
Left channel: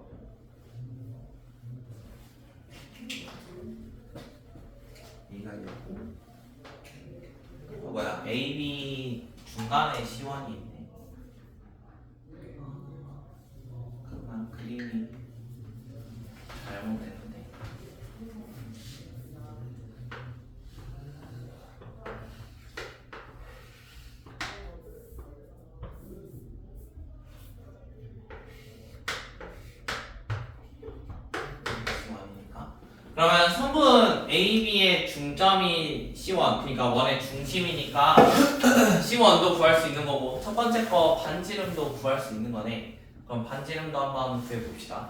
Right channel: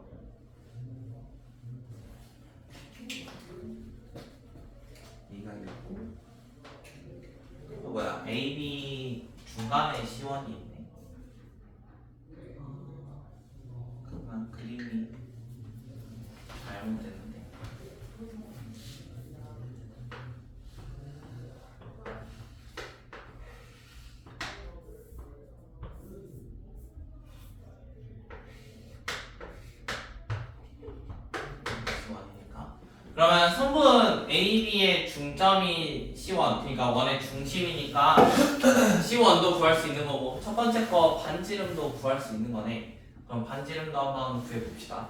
이가 있고 뭐야 AB 중간에 C1이 있네. 그만 그림이 잘못됐는데. 그러면 성분 AB의 중점이 C1, 그러니까 원의 중심이니까 C1도 구할 수 있는 거고 첫 번째 거 반지름도 구할 수 있는 거네. 그럼 반지름도 한번 구해봅시다.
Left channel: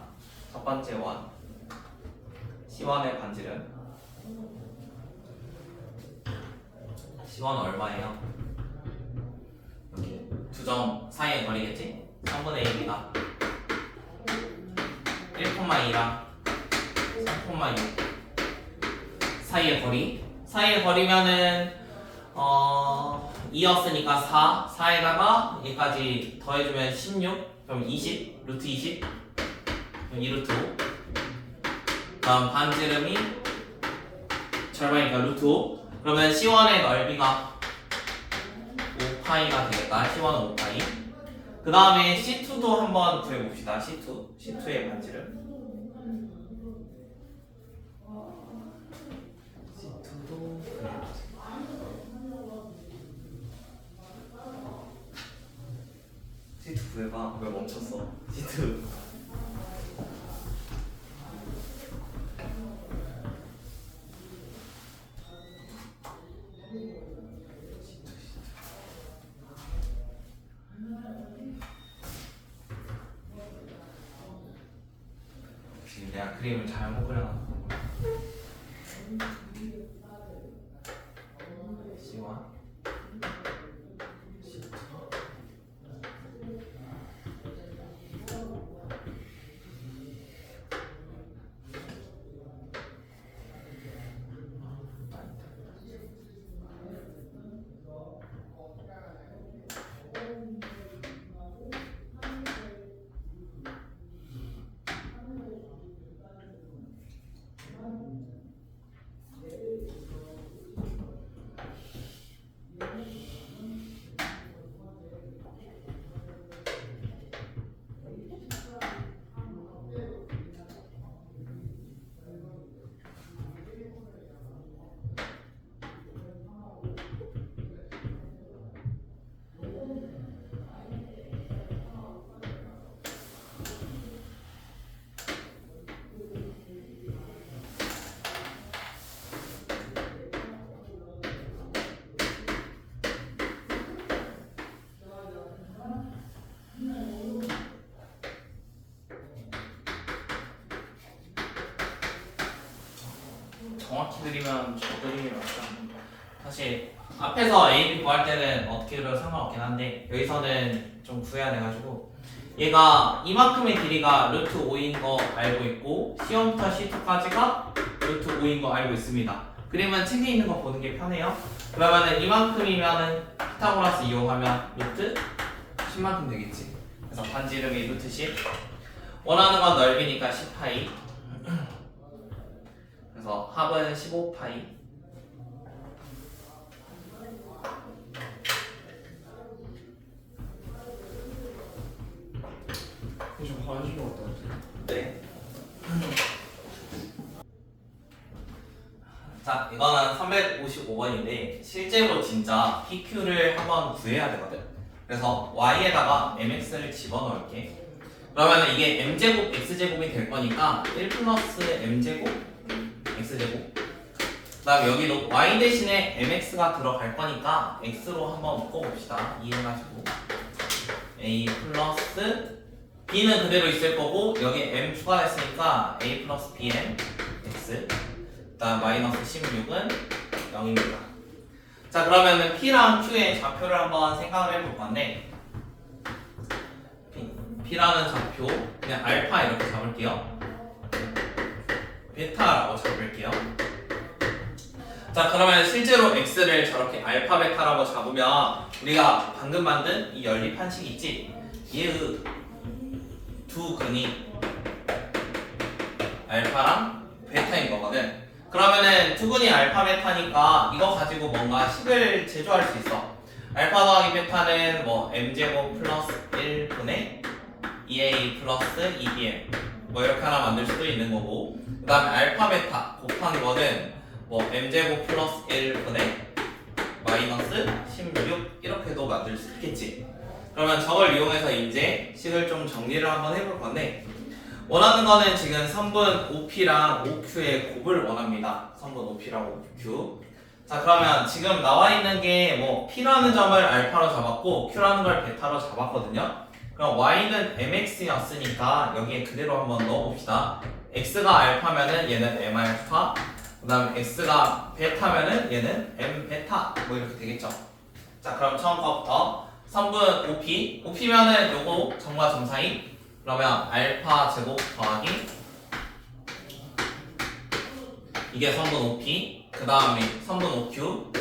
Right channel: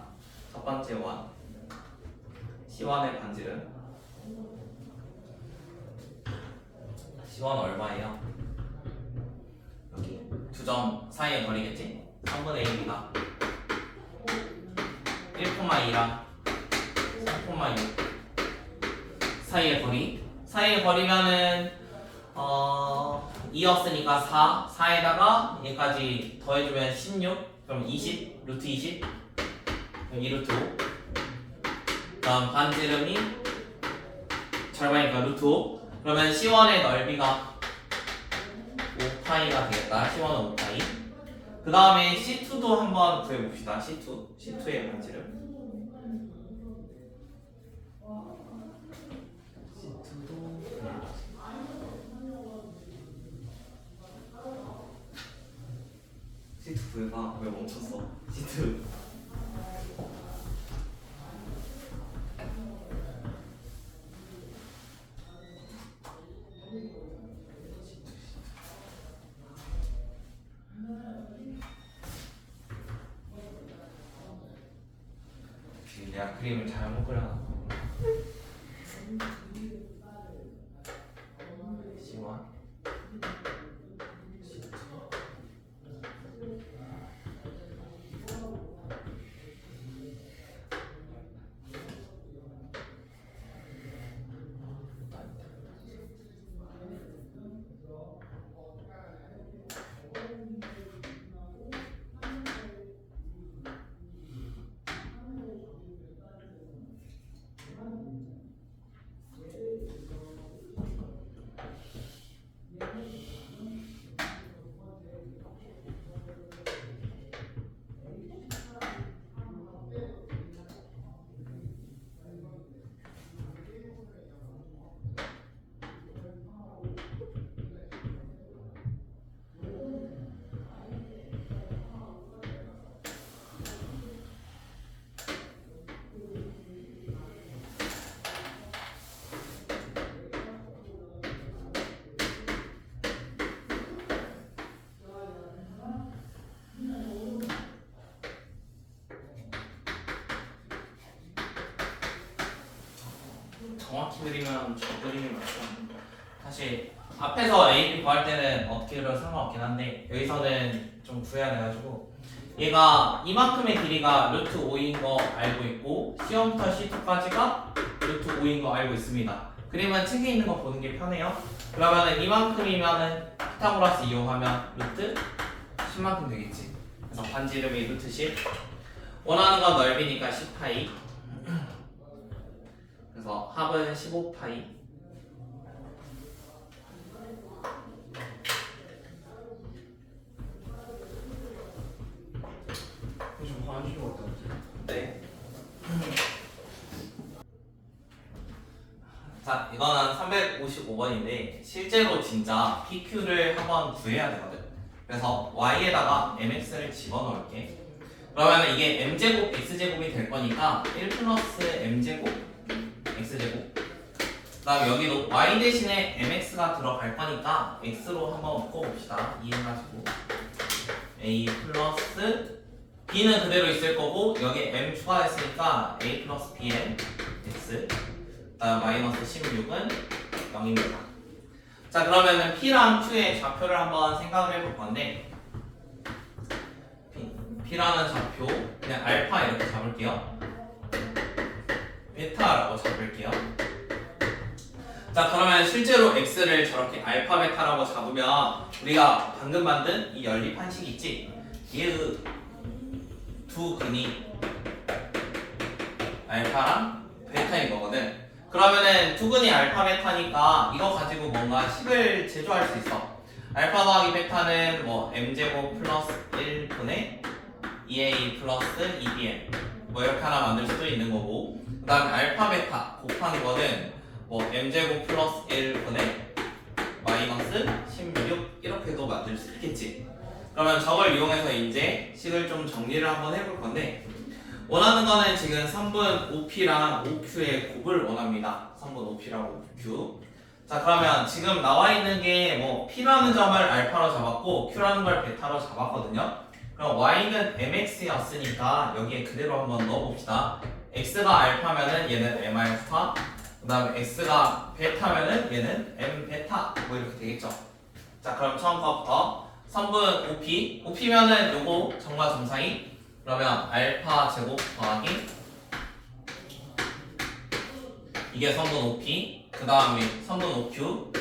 첫 번째 원 C1의 반지름 C1 얼마예요? 여기 두 점 사이의 거리겠지? 3분의 AB가 1,2랑 3,6 사이의 거리면은 2였으니까 4에다가 여기까지 더해주면 16 그럼 20 루트 20 그럼 2루트 5 다음 반지름이 절반이니까 루트 5 그러면 C1의 넓이가 5파이가 되겠다. C1은 5파이. 그 다음에 C2도 한번 구해봅시다. C2의 반지름 C2 구해봐. 왜 멈췄어? C2 혹시 내가 그림을 잘못 그려놨나? C1 C2 정확히 그리면 저 그림이 맞죠. 사실 앞에서 A, B 구할 때는 어떻게 그려도 상관없긴 한데 여기서는 좀 구해야 돼가지고 얘가 이만큼의 길이가 루트 5인 거 알고 있고 C1부터 C2까지가 루트 5인 거 알고 있습니다. 그림은 책에 있는 거 보는 게 편해요. 그러면은 이만큼이면은 피타고라스 이용하면 루트 10만큼 되겠지. 그래서 반지름이 루트 10. 원하는 건 넓이니까 10파이. 그래서 합은 15파이. 좀 화나신 것 같아요. 네. 자, 이거는 355번인데 실제로 진짜 PQ를 한번 구해야 되거든. 그래서 y에다가 mx를 집어넣을게. 그러면 이게 m제곱 x제곱이 될 거니까 1 플러스 m제곱 x제곱. 그다음 여기도 y 대신에 mx가 들어갈 거니까 x로 한번 묶어봅시다. 이해가지고 a 플러스 b는 그대로 있을 거고 여기 m 추가됐으니까 a 플러스 bm x. 그다음 마이너스 16은 0입니다. 자, 그러면은 p랑 q의 좌표를 한번 생각을 해볼 건데 p라는 좌표 그냥 알파 이렇게 잡을게요. 베타라고 잡을게요. 자, 그러면 실제로 x를 저렇게 알파 베타라고 잡으면 우리가 방금 만든 이 연립한식 있지? 얘의 두 근이 알파랑 베타인 거거든. 그러면은 두 근이 알파 베타니까 이거 가지고 뭔가 식을 제조할 수 있어. 알파 더하기 베타는 뭐 m제곱 플러스 1분의 2a 플러스 2bm 뭐 이렇게 하나 만들 수도 있는 거고, 그 다음에 알파 베타 곱한 거는 뭐 m제곱 플러스 1분의 마이너스 16 이렇게도 만들 수 있겠지. 그러면 저걸 이용해서 이제 식을 좀 정리를 한번 해볼 건데 원하는 거는 지금 3분 OP랑 OQ의 곱을 원합니다. 3분 OP랑 OQ. 자, 그러면 지금 나와 있는 게 뭐 P라는 점을 알파로 잡았고 Q라는 걸 베타로 잡았거든요. 그럼 Y는 MX였으니까 여기에 그대로 한번 넣어봅시다. X가 알파면은 얘는 M 알파, 그 다음에 X가 베타면은 얘는 M 베타 뭐 이렇게 되겠죠. 자, 그럼 처음 거부터 3분 OP, OP면은 요거 점과 점 사이. 그러면 알파 제곱 더하기 이게 3분 OP, 그 다음에 3분 OQ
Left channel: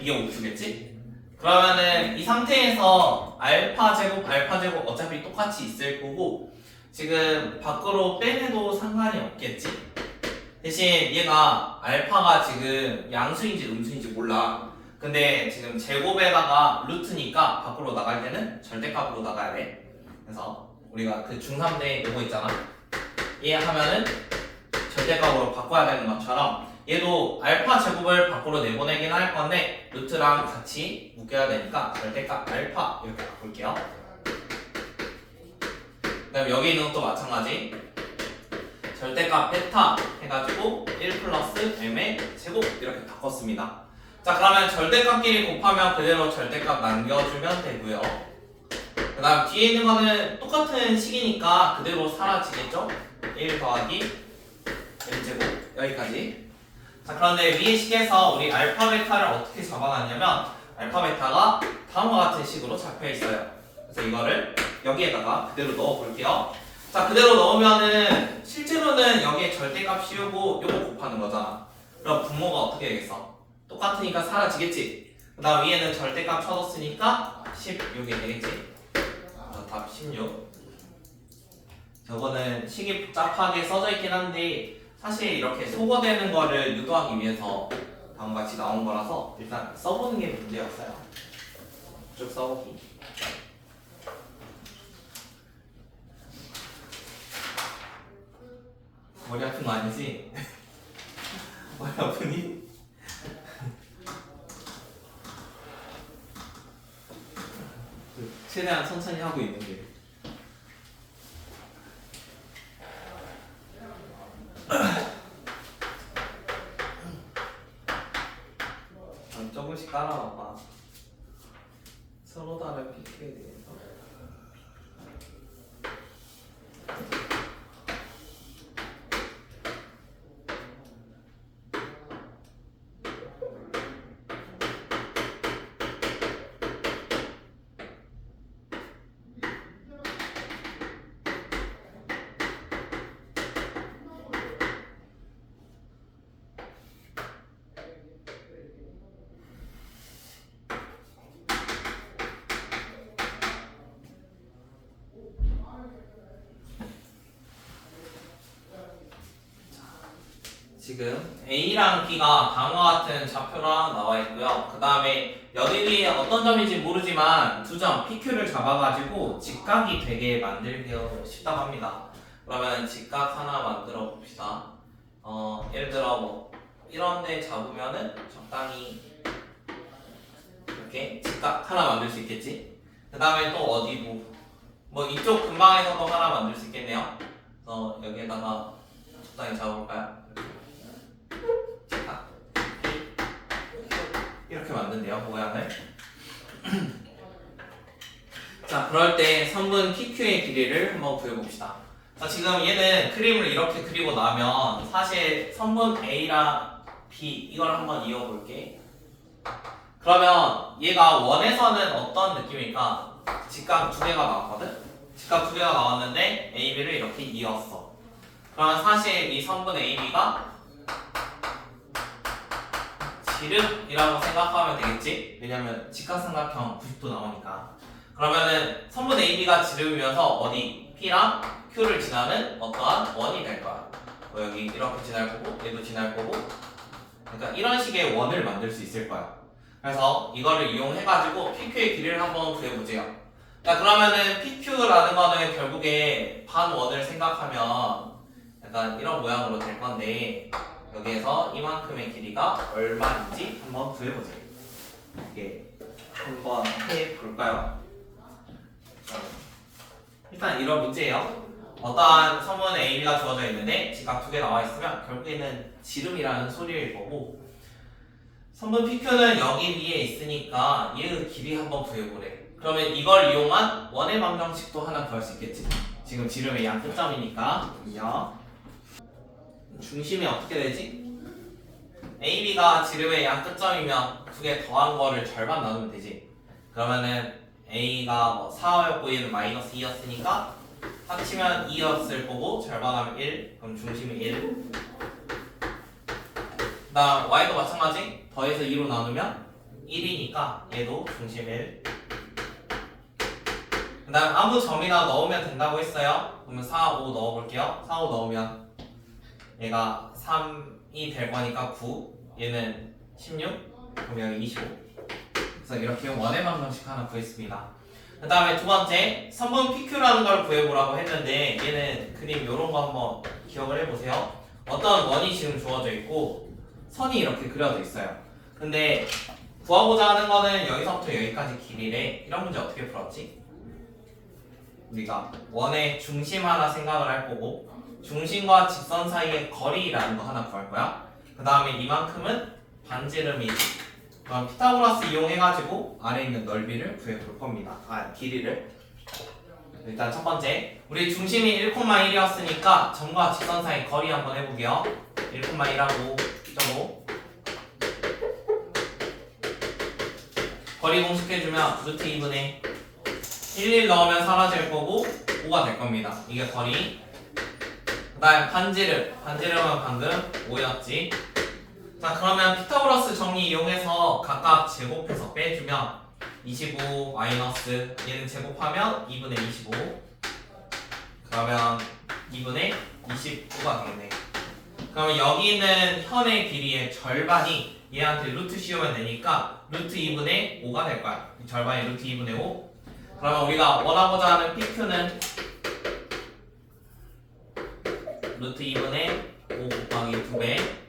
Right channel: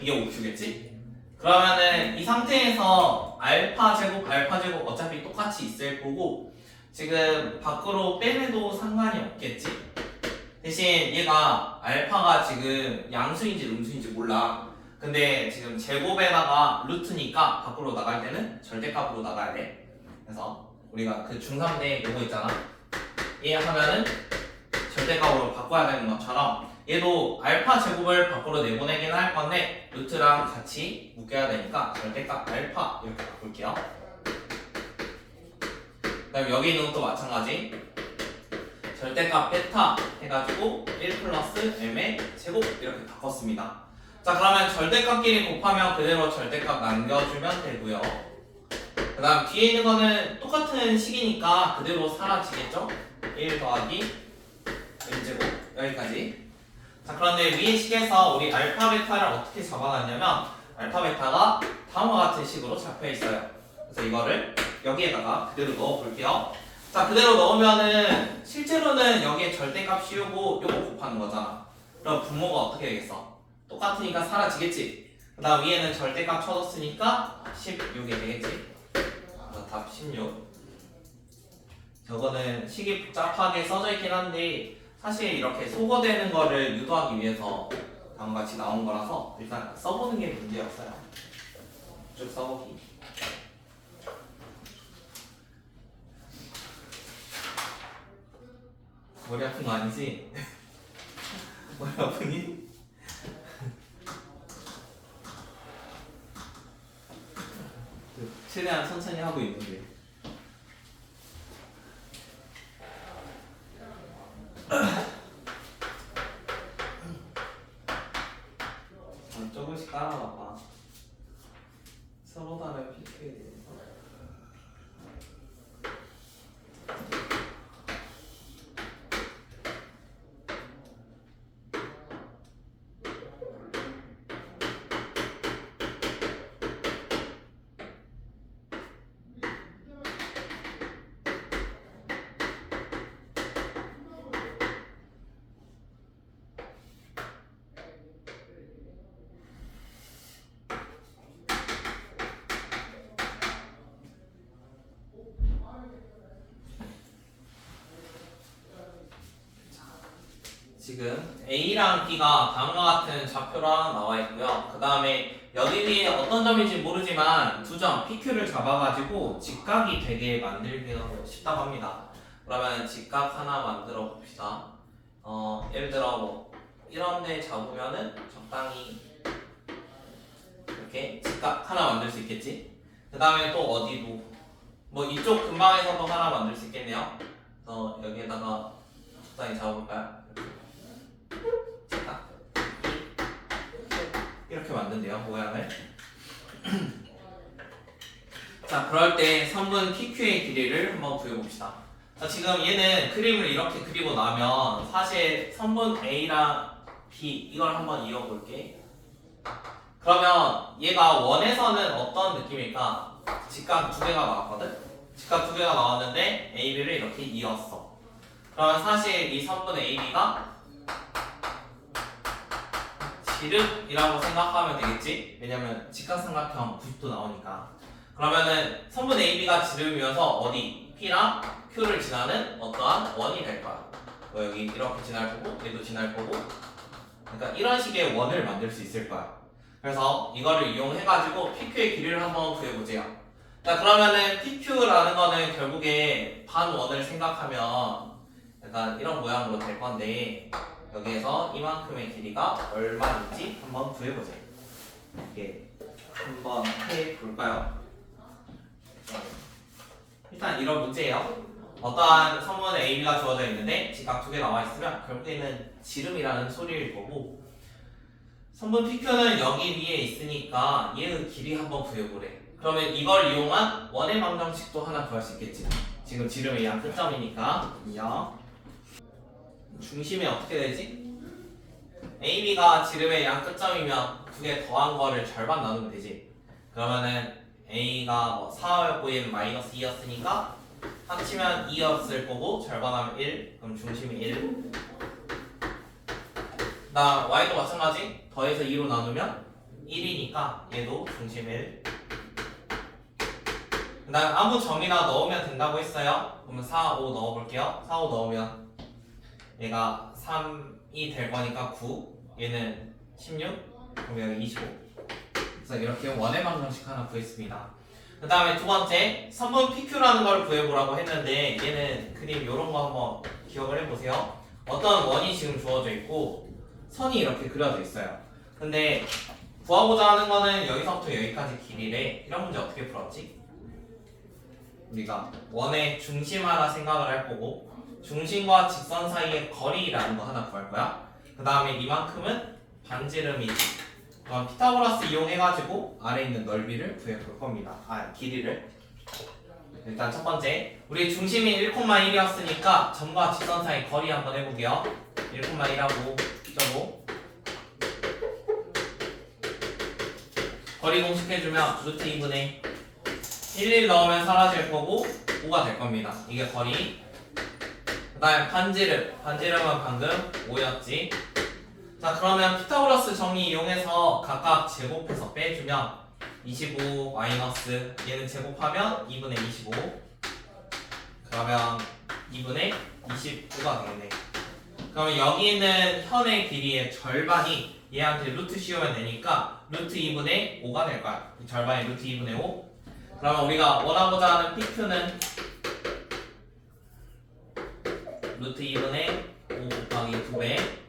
이게 OQ겠지? 그러면은 이 상태에서 알파 제곱 어차피 똑같이 있을 거고 지금 밖으로 빼내도 상관이 없겠지? 대신 얘가 알파가 지금 양수인지 음수인지 몰라. 근데 지금 제곱에다가 루트니까 밖으로 나갈 때는 절대값으로 나가야 돼. 그래서 우리가 그 중3대 이거 있잖아. 얘 하면은 절대값으로 바꿔야 되는 것처럼 얘도 알파 제곱을 밖으로 내보내긴 할 건데 루트랑 같이 묶여야 되니까 절대값 알파 이렇게 바꿀게요. 그다음 여기는 또 마찬가지. 절대값 베타 해가지고 1 플러스 m의 제곱 이렇게 바꿨습니다. 자, 그러면 절대값끼리 곱하면 그대로 절대값 남겨주면 되고요. 그 다음 뒤에 있는 거는 똑같은 식이니까 그대로 사라지겠죠? 1 더하기 m제곱 여기까지. 자, 그런데 위의 식에서 우리 알파 베타를 어떻게 잡아놨냐면 알파 베타가 다음과 같은 식으로 잡혀 있어요. 그래서 이거를 여기에다가 그대로 넣어 볼게요. 자, 그대로 넣으면은 실제로는 여기에 절대값 씌우고 요거 곱하는 거잖아. 그럼 분모가 어떻게 되겠어? 똑같으니까 사라지겠지. 그 다음 위에는 절대값 쳐줬으니까 16이 되겠지. 그래서 답 16. 저거는 식이 복잡하게 써져 있긴 한데 사실 이렇게 소거되는 거를 유도하기 위해서 다음과 같이 나온 거라서 일단 써보는 게 문제였어요. 쭉 써보기. 머리 아픈 거 아니지? 머리 아프니? 최대한 천천히 하고 있는데. 조금씩 깔아봐봐. 서로 다른 PQ에 대해서. 지금 A랑 B가 다음과 같은 좌표랑 나와 있고요. 그 다음에 여기 위에 어떤 점인지 모르지만 두 점 PQ를 잡아가지고 직각이 되게 만들기 쉽다고 합니다. 그러면 직각 하나 만들어 봅시다. 예를 들어 뭐 이런 데 잡으면은 적당히 이렇게 직각 하나 만들 수 있겠지. 그 다음에 또 어디도 뭐 이쪽 근방에서도 하나 만들 수 있겠네요. 그래서 여기에다가 적당히 잡아볼까요? 직각 이렇게 만든대요, 모양을. 자, 그럴 때 선분 PQ의 길이를 한번 구해봅시다. 자, 지금 얘는 그림을 이렇게 그리고 나면 사실 선분 A랑 B 이걸 한번 이어볼게. 그러면 얘가 원에서는 어떤 느낌일까? 직각 두 개가 나왔거든? 직각 두 개가 나왔는데 A, B를 이렇게 이었어. 그러면 사실 이 선분 A, B가 지름이라고 생각하면 되겠지? 왜냐면 직각삼각형 90도 나오니까. 그러면은 선분 AB가 지름이면서 어디 P랑 Q를 지나는 어떠한 원이 될 거야. 뭐 여기 이렇게 지날 거고 얘도 지날 거고. 그러니까 이런 식의 원을 만들 수 있을 거야. 그래서 이거를 이용해가지고 PQ의 길이를 한번 구해보세요. 자, 그러면은 PQ라는 거는 결국에 반원을 생각하면 약간 이런 모양으로 될 건데 여기에서 이만큼의 길이가 얼마인지 한번 구해보세요. 이게 한번 해볼까요? 일단 이런 문제예요. 어떠한 선분 AB가 주어져 있는데 직각 두 개 나와 있으면 결국에는 지름이라는 소리일 거고 선분 PQ는 여기 위에 있으니까 얘의 길이 한번 구해보래. 그러면 이걸 이용한 원의 방정식도 하나 구할 수 있겠지. 지금 지름의 양 끝점이니까 중심이 어떻게 되지? AB가 지름의 양 끝점이면 두 개 더한 거를 절반 나누면 되지. 그러면은 A가 뭐 4였고 얘는 마이너스 2였으니까 합치면 2였을 거고 절반하면 1. 그럼 중심이 1. 나 Y도 마찬가지. 더해서 2로 나누면 1이니까 얘도 중심 1. 그 다음 아무 점이나 넣으면 된다고 했어요. 그러면 4, 5 넣어볼게요. 4, 5 넣으면 얘가 3이 될 거니까 9. 얘는 16. 그럼 여기 25. 그래서 이렇게 원의 방정식 하나 구했습니다. 그 다음에 두 번째 선분 PQ라는 걸 구해보라고 했는데 얘는 그림 이런 거 한번 기억을 해보세요. 어떤 원이 지금 주어져 있고 선이 이렇게 그려져 있어요. 근데 구하고자 하는 거는 여기서부터 여기까지 길이래. 이런 문제 어떻게 풀었지? 우리가 원의 중심 하나 생각을 할 거고 중심과 직선 사이의 거리라는 거 하나 구할 거야. 그 다음에 이만큼은 반지름이지. 그럼 피타고라스 이용해가지고 아래 있는 넓이를 구해볼 겁니다. 길이를. 일단 첫 번째, 우리 중심이 1,1이었으니까 점과 직선 사이 거리 한번 해보게요. 1,1하고 점고 거리 공식해주면 루트 2분의 1 넣으면 사라질 거고 5가 될 겁니다. 이게 거리. 그 다음에 반지름은 방금 5였지. 자, 그러면 피타고라스 정리 이용해서 각각 제곱해서 빼주면 25 마이너스 얘는 제곱하면 2분의 25. 그러면 2분의 29가 되겠네. 그러면 여기 있는 현의 길이의 절반이 얘한테 루트 씌우면 되니까 루트 2분의 5가 될 거야. 절반이 루트 2분의 5. 그러면 우리가 원하고자 하는 PQ는 루트 2분의 5 곱하기 2배.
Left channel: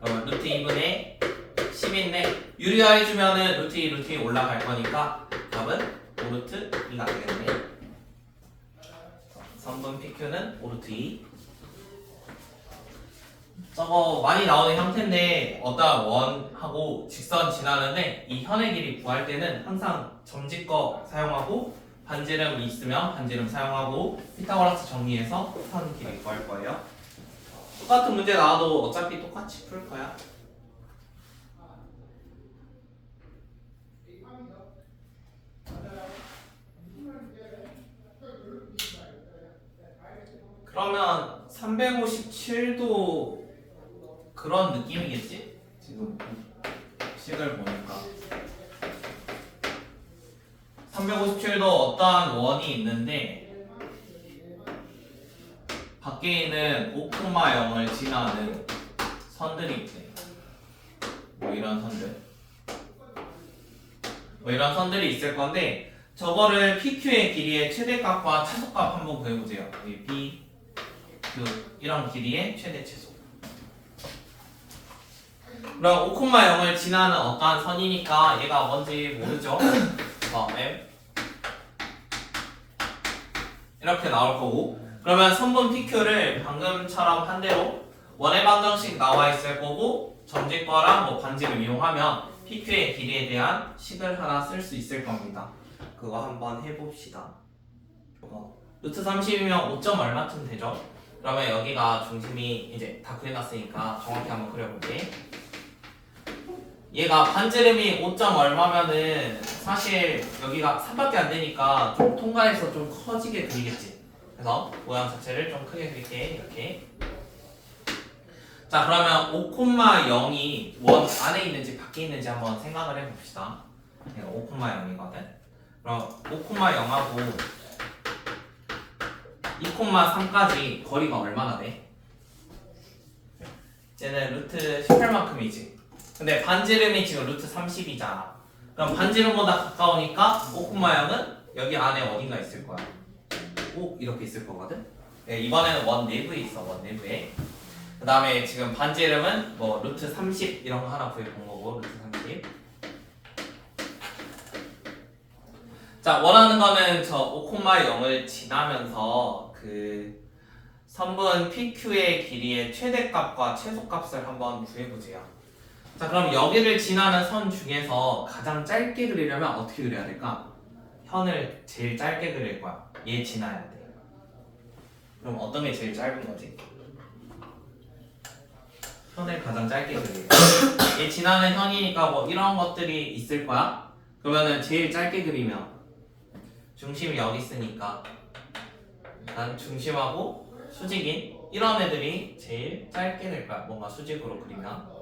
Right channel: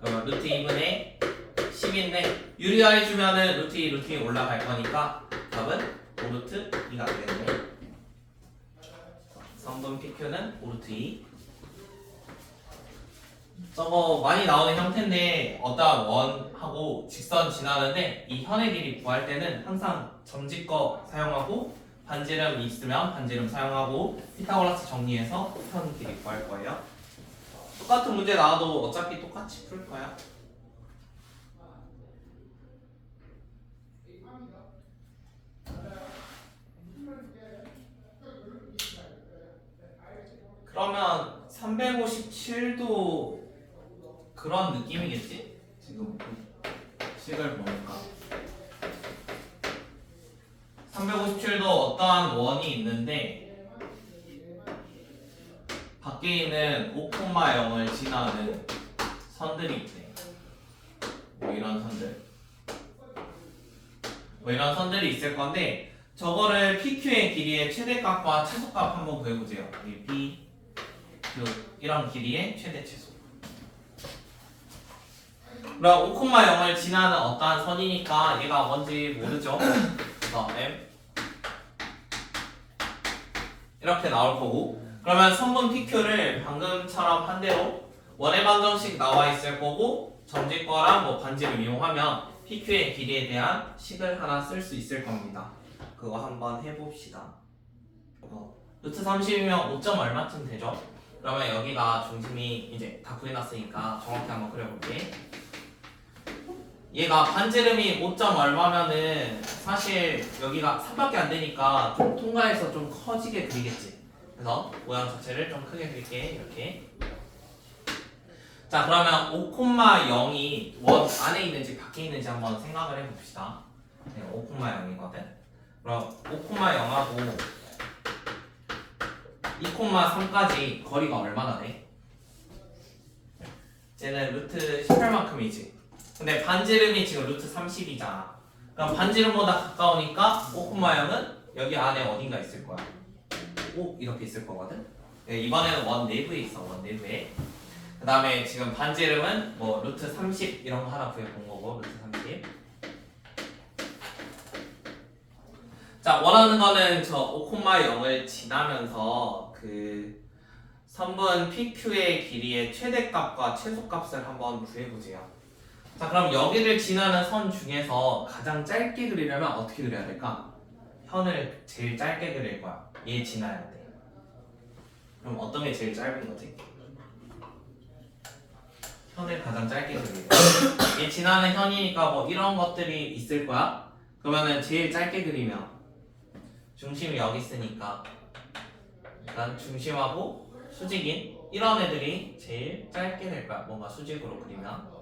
그러면 루트 2분의 10인데 유리화해주면은 루트 2, 루트 2 올라갈 거니까 답은 5루트 2가 되겠네. 선분 PQ는 5루트 2. 저거 많이 나오는 형태인데 어떤 원하고 직선 지나는데 이 현의 길이 구할 때는 항상 점집거 사용하고 반지름 있으면 반지름 사용하고 피타고라스 정리해서 현 길이 구할 거예요. 똑같은 문제 나와도 어차피 똑같이 풀 거야. 그러면 357도 그런 느낌이겠지? 지금 식을 보니까 357도 어떠한 원이 있는데 밖에 있는 5,0을 지나는 선들이 있네. 뭐 이런 선들. 뭐 이런 선들이 있을 건데 저거를 PQ의 길이의 최대값과 최소값 한번 구해보세요. 이 P, Q 이런 길이의 최대 최소. 그럼 5,0을 지나는 어떠한 선이니까 얘가 뭔지 모르죠? 그래서 M 이렇게 나올 거고 그러면 선분 PQ를 방금처럼 한 대로 원의 방정식 나와 있을 거고 점집과랑 뭐 반지를 이용하면 PQ의 길이에 대한 식을 하나 쓸 수 있을 겁니다. 그거 한번 해봅시다. 루트 30이면 5점 얼마쯤 되죠? 그러면 여기가 중심이 이제 다 구해놨으니까 정확히 한번 그려볼게. 얘가 반지름이 5점 얼마면은 사실 여기가 3밖에 안 되니까 좀 통과해서 좀 커지게 그리겠지. 그래서 모양 자체를 좀 크게 그릴게. 이렇게. 자 그러면 5,0이 원 안에 있는지 밖에 있는지 한번 생각을 해봅시다. 5,0이거든. 그럼 5,0하고 2,3까지 거리가 얼마나 돼? 쟤는 루트 18만큼이지. 근데 반지름이 지금 루트 30이잖아. 그럼 반지름보다 가까우니까 5,0은 여기 안에 어딘가 있을 거야. 5 이렇게 있을 거거든. 네, 이번에는 원 내부에 있어. 원 내부에. 그 다음에 지금 반지름은 뭐 루트 30 이런 거 하나 구해본 거고 루트 30. 자 원하는 거는 저 5,0을 지나면서 그 선분 PQ의 길이의 최대값과 최소값을 한번 구해보세요. 자 그럼 여기를 지나는 선 중에서 가장 짧게 그리려면 어떻게 그려야 될까? 현을 제일 짧게 그릴 거야. 얘 지나야 돼. 그럼 어떤 게 제일 짧은 거지? 현을 가장 짧게 그리래. 얘 지나는 현이니까 뭐 이런 것들이 있을 거야. 그러면은 제일 짧게 그리면 중심이 여기 있으니까 난 중심하고 수직인 이런 애들이 제일 짧게 될 거야. 뭔가 수직으로 그리면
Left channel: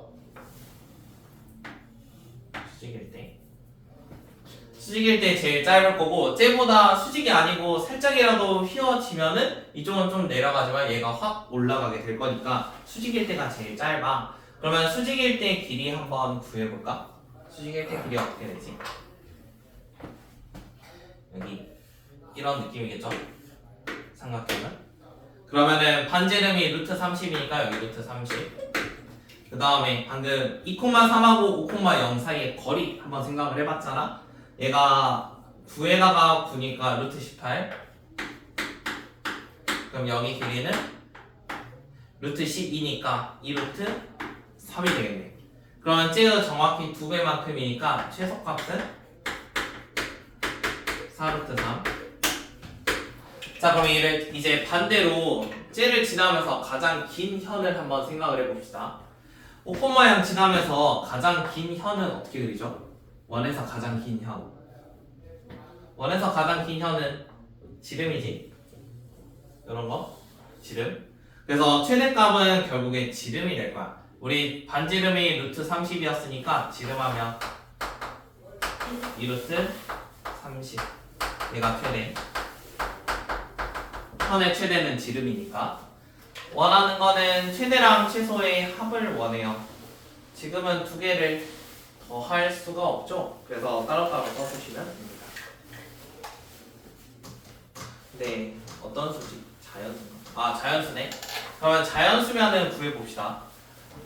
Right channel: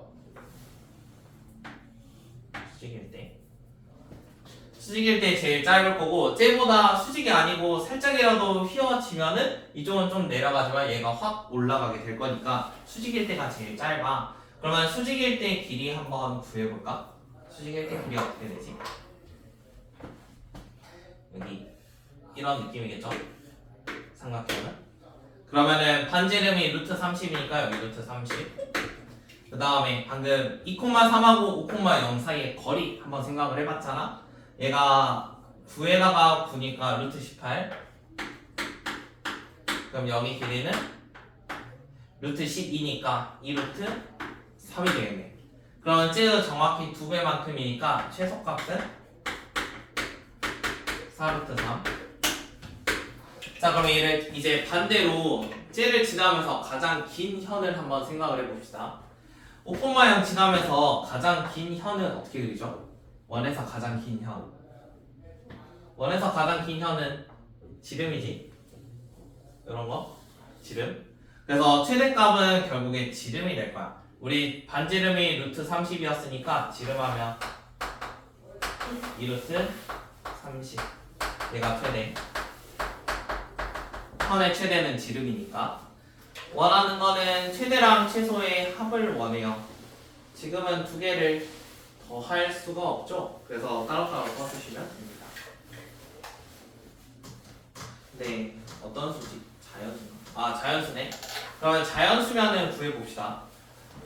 수직일 때 제일 짧을 거고 쟤보다 수직이 아니고 살짝이라도 휘어지면은 이쪽은 좀 내려가지만 얘가 확 올라가게 될 거니까 수직일 때가 제일 짧아. 그러면 수직일 때 길이 한번 구해볼까? 수직일 때 길이 어떻게 되지? 여기 이런 느낌이겠죠? 삼각형은 그러면은 반지름이 루트 30이니까 여기 루트 30. 그 다음에 방금 2,3하고 5,0 사이의 거리 한번 생각을 해봤잖아. 얘가 9에다가 9니까 루트 18. 그럼 여기 길이는 루트 12니까 2루트 3이 되겠네. 그러면 쟤가 정확히 2배만큼이니까 최소값은 4루트 3. 자 그럼 얘를 이제 반대로 쟤를 지나면서 가장 긴 현을 한번 생각을 해봅시다. 5,0 지나면서 가장 긴 현은 어떻게 그리죠? 원에서 가장 긴 현. 원에서 가장 긴 현은 지름이지. 이런 거 지름. 그래서 최대값은 결국에 지름이 될 거야. 우리 반지름이 루트 30이었으니까 지름하면 2루트 30. 얘가 최대. 현의 최대는 지름이니까. 원하는 거는 최대랑 최소의 합을 원해요. 지금은 두 개를 더 할 수가 없죠. 그래서 따로따로 써주시면 됩니다. 네, 어떤 수지? 자연수인가? 자연수네. 그러면 자연수면은 구해봅시다.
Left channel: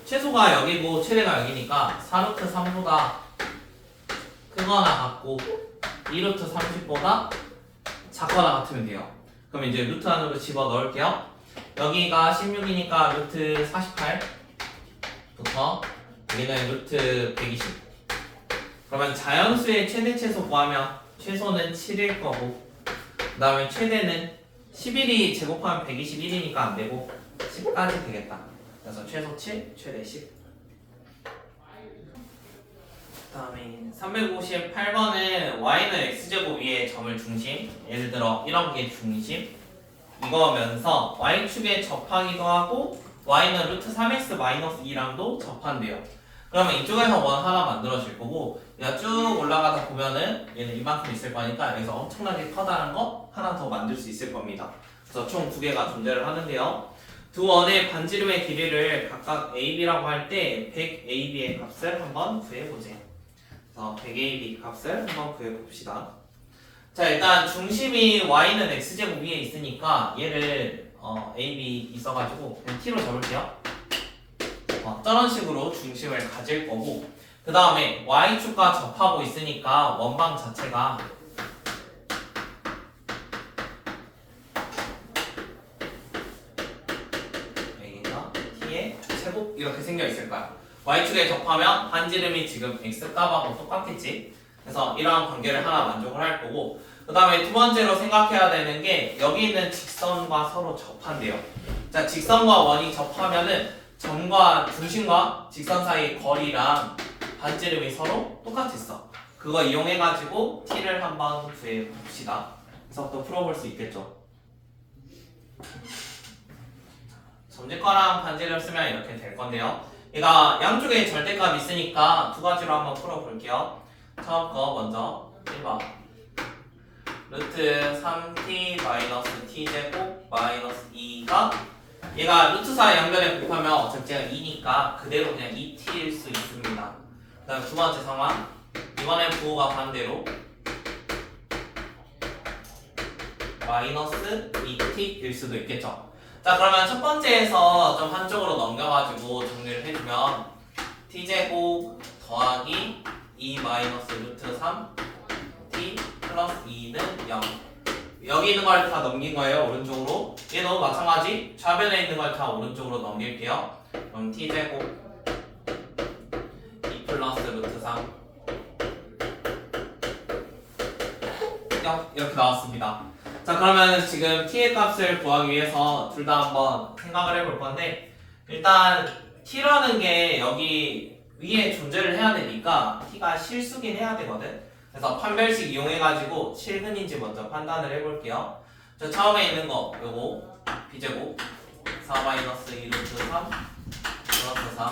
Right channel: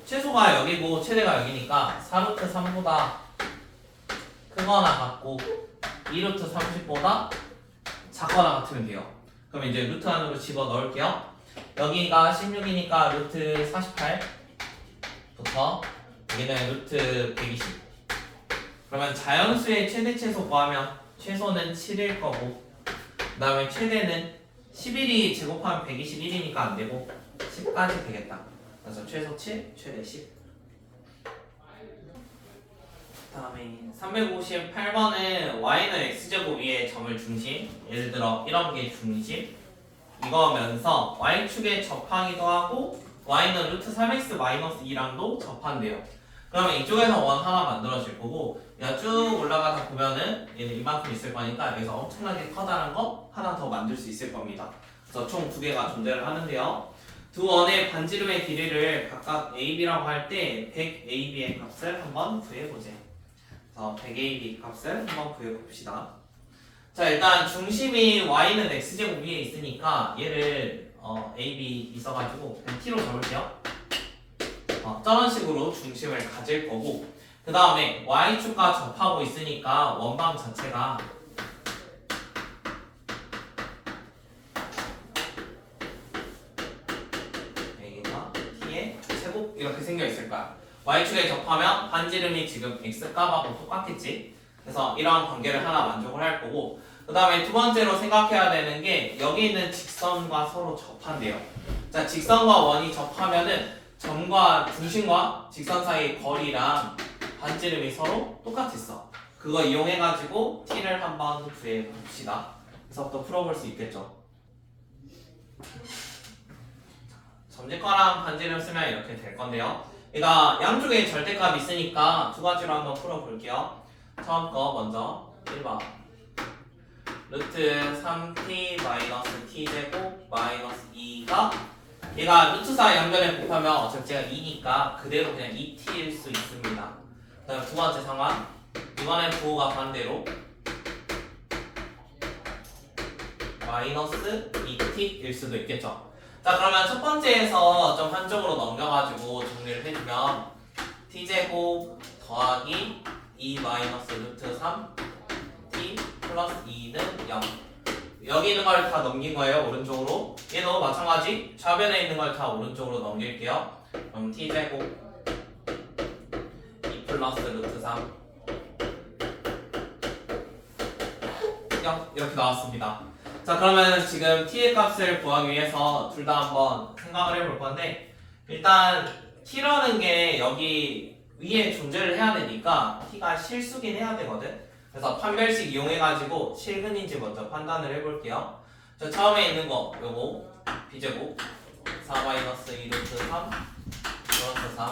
최소가 여기고 최대가 여기니까 4루트 3보다 크거나 같고 2루트 30보다 작거나 같으면 돼요. 그럼 이제 루트 안으로 집어 넣을게요. 여기가 16이니까 루트 48부터 여기는 루트 120. 그러면 자연수의 최대 최소 구하면 최소는 7일 거고 그 다음에 최대는 11이 제곱하면 121이니까 안 되고 10까지 되겠다. 그래서 최소 7, 최대 10. 그 다음에 358번은 y는 x제곱 위에 점을 중심, 예를 들어 이런 게 중심 이거면서 y축에 접하기도 하고 y는 루트 3x-2랑도 접한대요. 그러면 이쪽에서 원 하나 만들어질 거고 얘가 쭉 올라가다 보면은 얘는 이만큼 있을 거니까 여기서 엄청나게 커다란 거 하나 더 만들 수 있을 겁니다. 그래서 총 두 개가 존재를 하는데요. 두 원의 반지름의 길이를 각각 AB라고 할 때 100AB의 값을 한번 구해보자. 그래서 100AB 값을 한번 구해봅시다. 자, 일단 중심이 y는 x제곱 위에 있으니까 얘를 AB 있어가지고 그냥 t로 잡을게요. 저런 식으로 중심을 가질 거고, 그 다음에 y축과 접하고 있으니까 원방 자체가 a가 t의 제곱 이렇게 생겨 있을 거야. y축에 접하면 반지름이 지금 x값하고 똑같겠지. 그래서 이런 관계를 하나 만족을 할 거고, 그 다음에 두 번째로 생각해야 되는 게 여기 있는 직선과 서로 접한대요. 자, 직선과 원이 접하면은 점과 중심과 직선 사이 거리랑 반지름이 서로 똑같았어. 그거 이용해가지고 t를 한번 구해봅시다. 그래서 또 풀어볼 수 있겠죠. 점집과랑 반지름 쓰면 이렇게 될 건데요. 얘가 양쪽에 절대값이 있으니까 두 가지로 한번 풀어볼게요. 처음 거 먼저 1번 루트 3t 마이너스 t제곱 마이너스 2가 얘가 루트 사이 양변에 곱하면 어차피 제가 2니까 그대로 그냥 2t일 수 있습니다. 그 다음 두 번째 상황 이번엔 부호가 반대로 마이너스 2t일 수도 있겠죠. 자, 그러면 첫 번째에서 좀 한쪽으로 넘겨가지고 정리를 해주면 t제곱 더하기 2 마이너스 루트 3 t 플러스 2는 0. 여기 있는 걸 다 넘긴 거예요, 오른쪽으로. 얘도 마찬가지 좌변에 있는 걸 다 오른쪽으로 넘길게요. 그럼 t제곱 2 플러스 루트 3 0 이렇게 나왔습니다. 자, 그러면 지금 t의 값을 구하기 위해서 둘 다 한번 생각을 해볼 건데, 일단 t라는 게 여기 위에 존재를 해야 되니까 t가 실수긴 해야 되거든. 그래서 판별식 이용해가지고 실근인지 먼저 판단을 해볼게요. 자, 처음에 있는 거 요거 b제곱 4 마이너스 2 루트 3 플러스 3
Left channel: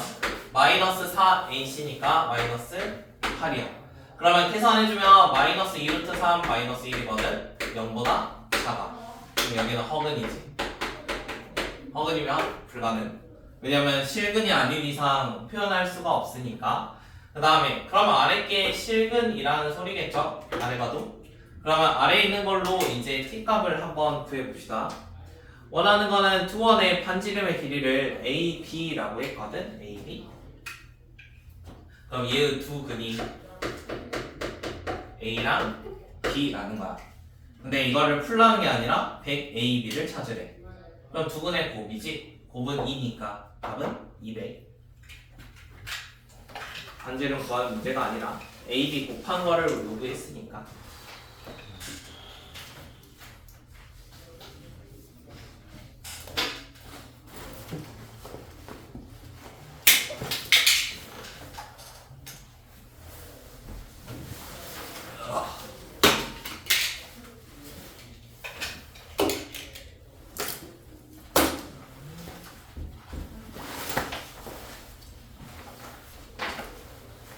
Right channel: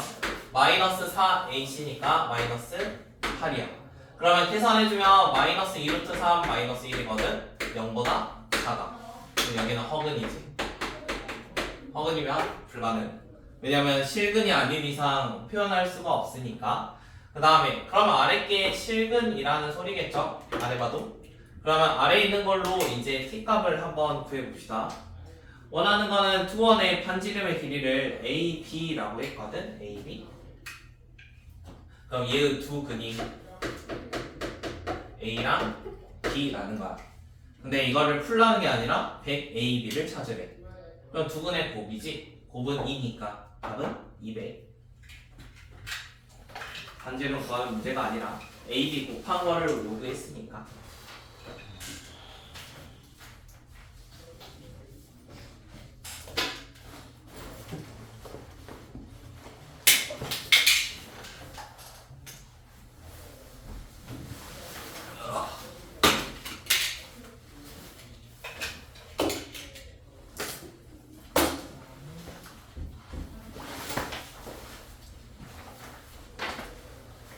마이너스 4ac니까 마이너스 8이요. 그러면 계산해주면 마이너스 2 루트 3 마이너스 1이거든. 0보다 작아. 그럼 여기는 허근이지. 허근이면 불가능. 왜냐면 실근이 아닌 이상 표현할 수가 없으니까. 그 다음에 그러면 아래 게 실근이라는 소리겠죠? 아래 봐도. 그러면 아래 있는 걸로 이제 t값을 한번 구해봅시다. 원하는 거는 두 원의 반지름의 길이를 AB라고 했거든. AB. 그럼 얘의 두 근이 A랑 B라는 거야. 근데 이거를 풀라는 게 아니라 100AB를 찾으래. 그럼 두 근의 곱이지. 곱은 2니까 답은 200. 반지름 구하는 문제가 아니라 AB 곱한 거를 요구했으니까.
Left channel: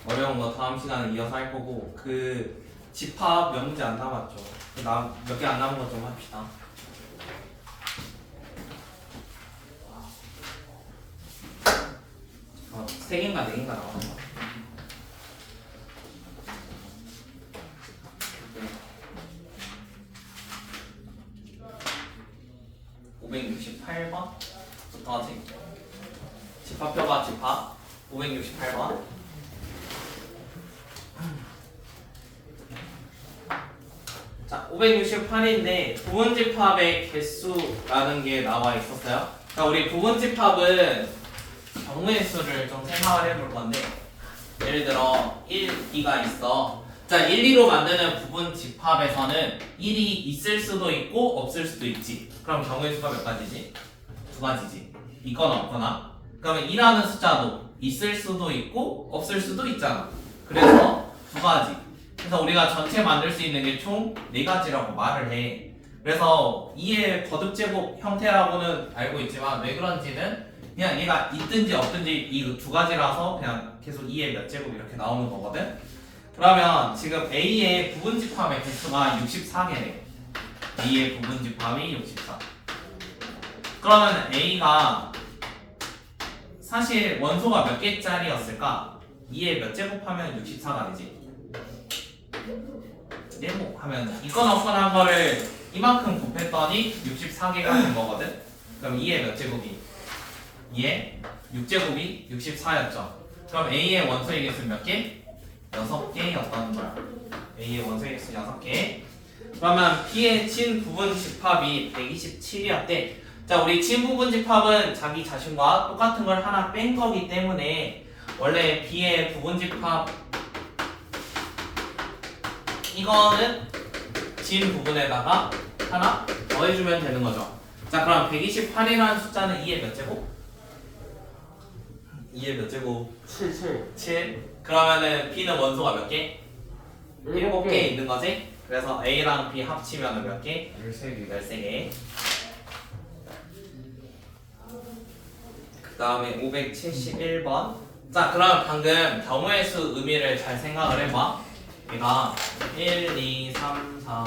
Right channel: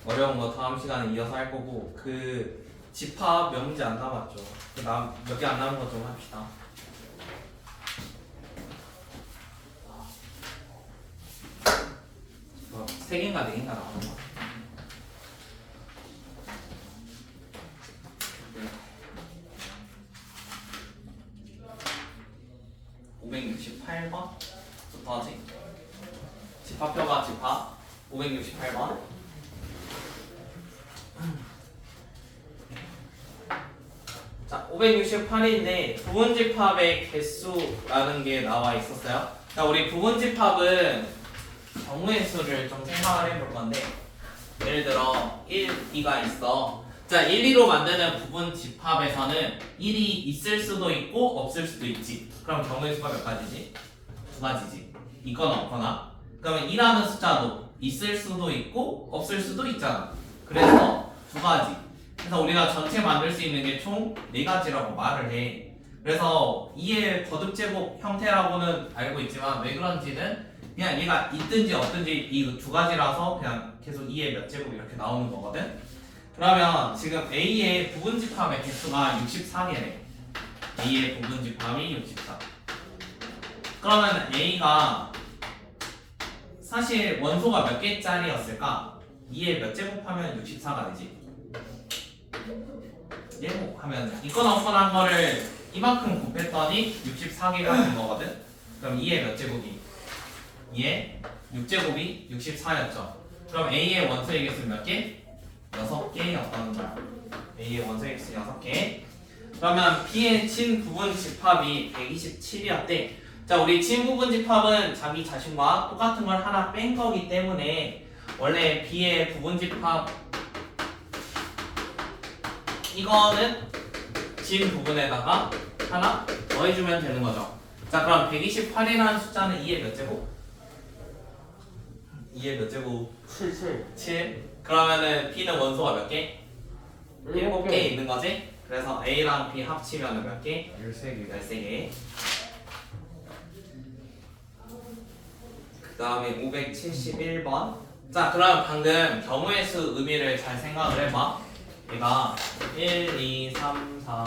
어려운 거 다음 시간에 이어서 할 거고, 그 집합 몇 문제 안 남았죠. 몇 개 안 남은 거 좀 합시다. 세 개인가 네 개인가 나오는 거. 네. 568번부터지. 집합표가 집합 568번. 자, 568인데 부분집합의 개수라는 게 나와 있었어요. 자, 우리 부분집합은 경우의 수를 좀 생각을 해볼 건데, 예를 들어 1, 2가 있어. 자, 1, 2로 만드는 부분집합에서는 1이 있을 수도 있고 없을 수도 있지. 그럼 경우의 수가 몇 가지지? 두 가지지. 있거나 없거나. 그러면 2라는 숫자도 있을 수도 있고 없을 수도 있잖아. 그래서 두 가지. 그래서 우리가 전체 만들 수 있는 게 총 4가지라고 말을 해. 그래서 2의 거듭제곱 형태라고는 알고 있지만 왜 그런지는 그냥 얘가 있든지 없든지 이 두 가지라서 그냥 계속 2의 몇 제곱 이렇게 나오는 거거든. 그러면 지금 A의 부분집합의 개수가 64개래. A의 부분집합이 64. 그러면 A가 사실 원소가 몇 개짜리였을까? 2에 몇 제곱하면 64가 되지? 제곱하면 있거나 없거나 한 거를 이만큼 곱했더니 64개가 된 거거든? 그럼 2의 몇 제곱이? 2의 6제곱이 64였죠. 그럼 A의 원소의 개수는 몇 개? 6개였다는 거야. A의 원소의 개수 6개. 그러면 B의 진 부분 집합이 127이었대. 자, 우리 진 부분 집합은 자기 자신과 똑같은 걸 하나 뺀 거기 때문에 원래 B의 부분 집합 이거는 진 부분에다가 하나 더해주면 되는 거죠. 자, 그럼 128이라는 숫자는 2의 몇 제곱? 2의 몇 제곱? 7. 그러면은 B는 원소가 몇 개? 7개 있는 거지? 그래서 A랑 B 합치면 몇 개? 13개. 13개. 그 다음에 571번. 자, 그럼 방금 경우의 수 의미를 잘 생각을 해봐. 얘가 1, 2, 3, 4.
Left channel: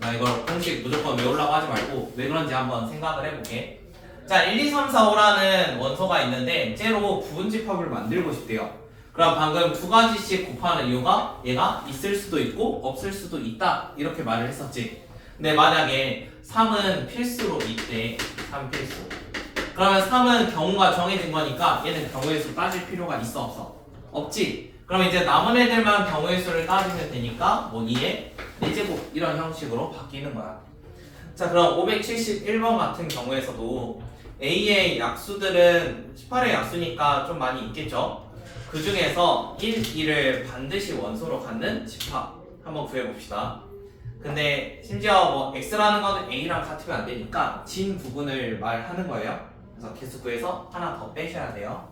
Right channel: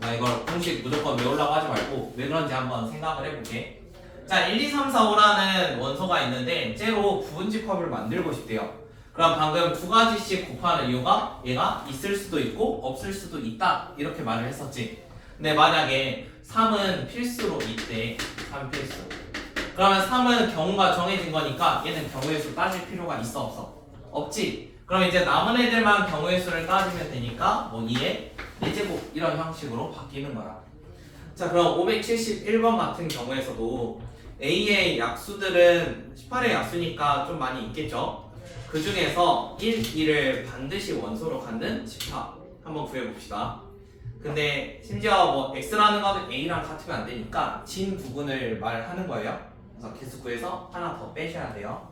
나 이걸 공식 무조건 외우려고 하지 말고 왜 그런지 한번 생각을 해볼게. 자, 1, 2, 3, 4, 5라는 원소가 있는데 째로 부분집합을 만들고 싶대요. 그럼 방금 두 가지씩 곱하는 이유가 얘가 있을 수도 있고 없을 수도 있다 이렇게 말을 했었지. 근데 만약에 3은 필수로 있대. 3 필수. 그러면 3은 경우가 정해진 거니까 얘는 경우의 수 따질 필요가 있어 없어? 없지. 그럼 이제 남은 애들만 경우의 수를 따지면 되니까 뭐 2의 4제곱 이런 형식으로 바뀌는 거야. 자, 그럼 571번 같은 경우에서도 A의 약수들은 18의 약수니까 좀 많이 있겠죠. 그 중에서 1, 2를 반드시 원소로 갖는 집합 한번 구해봅시다. 근데 심지어 뭐 X라는 거는 A랑 같으면 안 되니까 진 부분을 말하는 거예요. 그래서 개수 구해서 하나 더 빼셔야 돼요.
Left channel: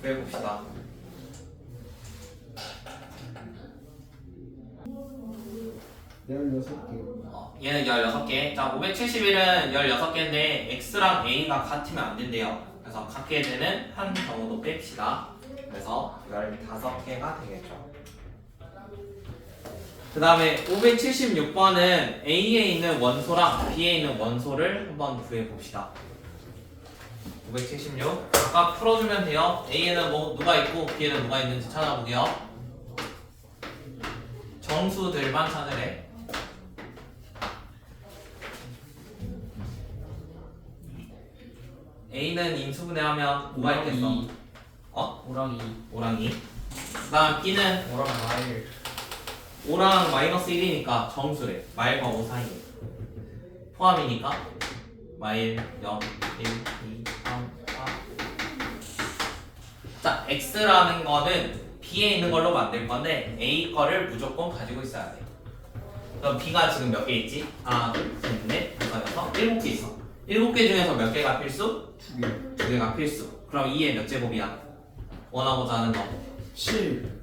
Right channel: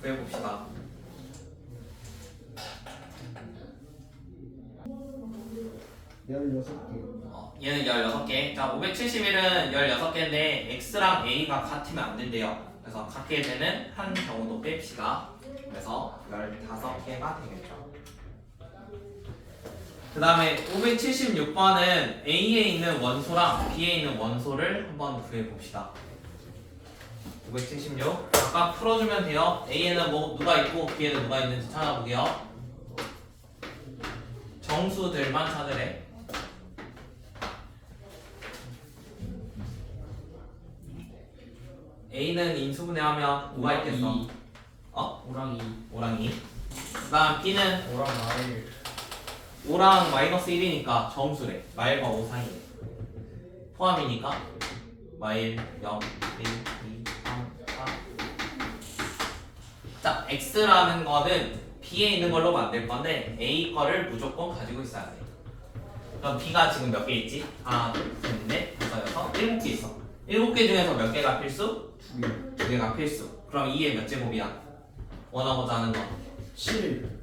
구해봅시다. 얘는 16개. 자, 571은 16개인데 X랑 A가 같으면 안 된대요. 그래서 같게 되는 한 경우도 뺍시다. 그래서 15개가 되겠죠. 그 다음에 576번은 A에 있는 원소랑 B에 있는 원소를 한번 구해봅시다. 576 아까 풀어주면 돼요. A에는 뭐 누가 있고 B에는 누가 있는지 찾아보게요. 정수들만 찾으래. A는 인수분해하면 누가 있겠어? 오랑이. 그 다음 B는 오랑 마일. 5랑 마이너스 1이니까 정수래. 마일과 5 사이에 포함이니까 마일 0, 1, 2, 3, 4. 자, X라는 거는 B에 있는 걸로 만들 건데 A 거를 무조건 가지고 있어야 돼. 그럼 B가 지금 몇 개 있지? 하나, 둘, 셋, 넷, 다섯, 여섯, 7개 있어. 7개 중에서 몇 개가 필수? 2개. 2개가 필수. 그럼 2의 몇 제곱이야? 원하고자 하는 거 7.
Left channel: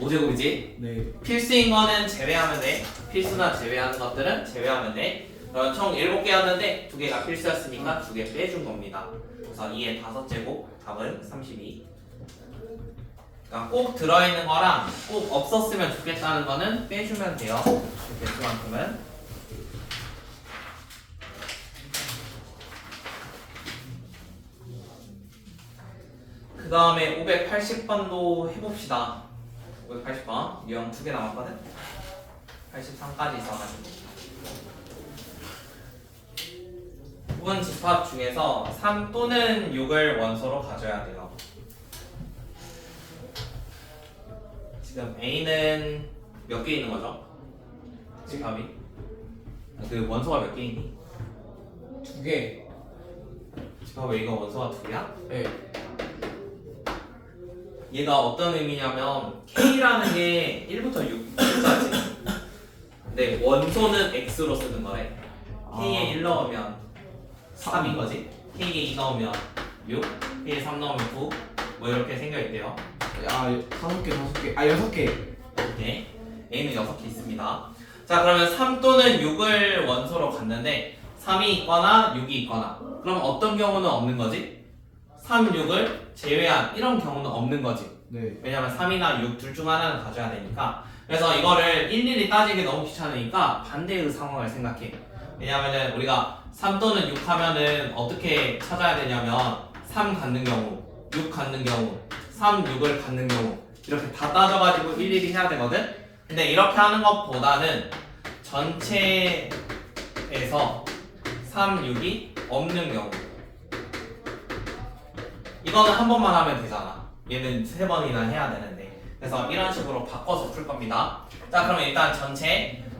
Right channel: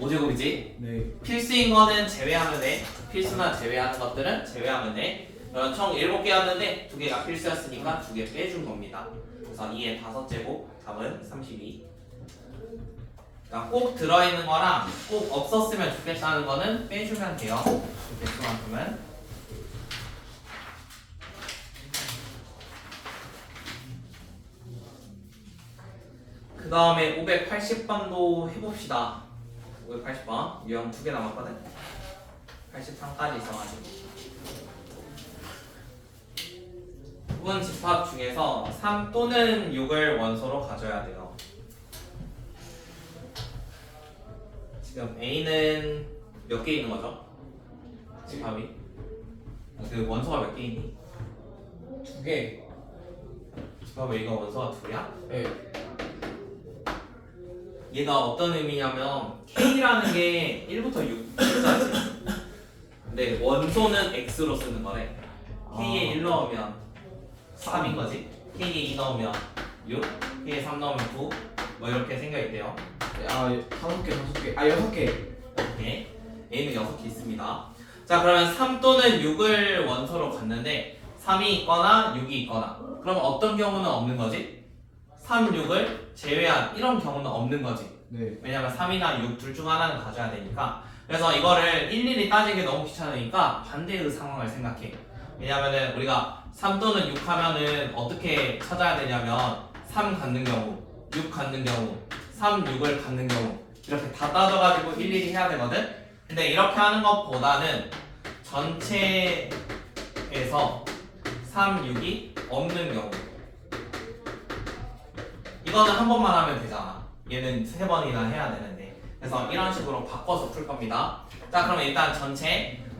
5제곱이지? 네. 필수인 거는 제외하면 돼. 필수나 제외하는 것들은 제외하면 돼. 그럼 총 7개였는데 2개가 필수였으니까 2개 빼준 겁니다. 그래서 2의 5제곱 답은 32. 그러니까 꼭 들어있는 거랑 꼭 없었으면 좋겠다는 거는 빼주면 돼요. 개수만큼은. 그 다음에 580번도 해봅시다. 580번 유형 2개 남았거든. 83까지 있어가지고 부분 집합 중에서 3 또는 6을 원소로 가져야 돼요. 지금 A는 몇 개 있는 거죠? 집합이? 그 원소가 몇 개 있니? 2개. 집합 A가 원소가 2야? 네. 얘가 어떤 의미냐면 K라는 게 1부터 6까지. 근데 원소는 X로 쓰는 거래. K에 1 넣으면 3인 거지. K에 2 넣으면 6, K에 3 넣으면 9. 뭐 이렇게 생겨 있대요. 아, 5개, 5개. 아, 6개. 이렇게 A는 6개 있습니다. 자, 그러면 3 또는 6을 원소로 갔는데 3이 있거나 6이 있거나. 그럼 어떤 경우는 없는 거지? 3, 6을 제외한 이런 경우는 없는 거지. 네. 왜냐면 3이나 6 둘 중 하나는 가져야 되니까. 그래서 이거를 일일이 따지기 너무 귀찮으니까 반대의 상황을 생각해. 왜냐면은 우리가 3 또는 6 하면은 어떻게 찾아야 되냐면 3 갖는 경우, 6 갖는 경우, 3, 6을 갖는 경우 이렇게 다 따져가지고 일일이 해야 되거든? 근데 이렇게 하는 것보다는 전체에서 3, 6이 없는 경우 이거는 한 번만 하면 되잖아. 얘는 3번이나 해야 되는데. 그래서 이런 식으로 바꿔서 풀 겁니다. 자, 그럼 일단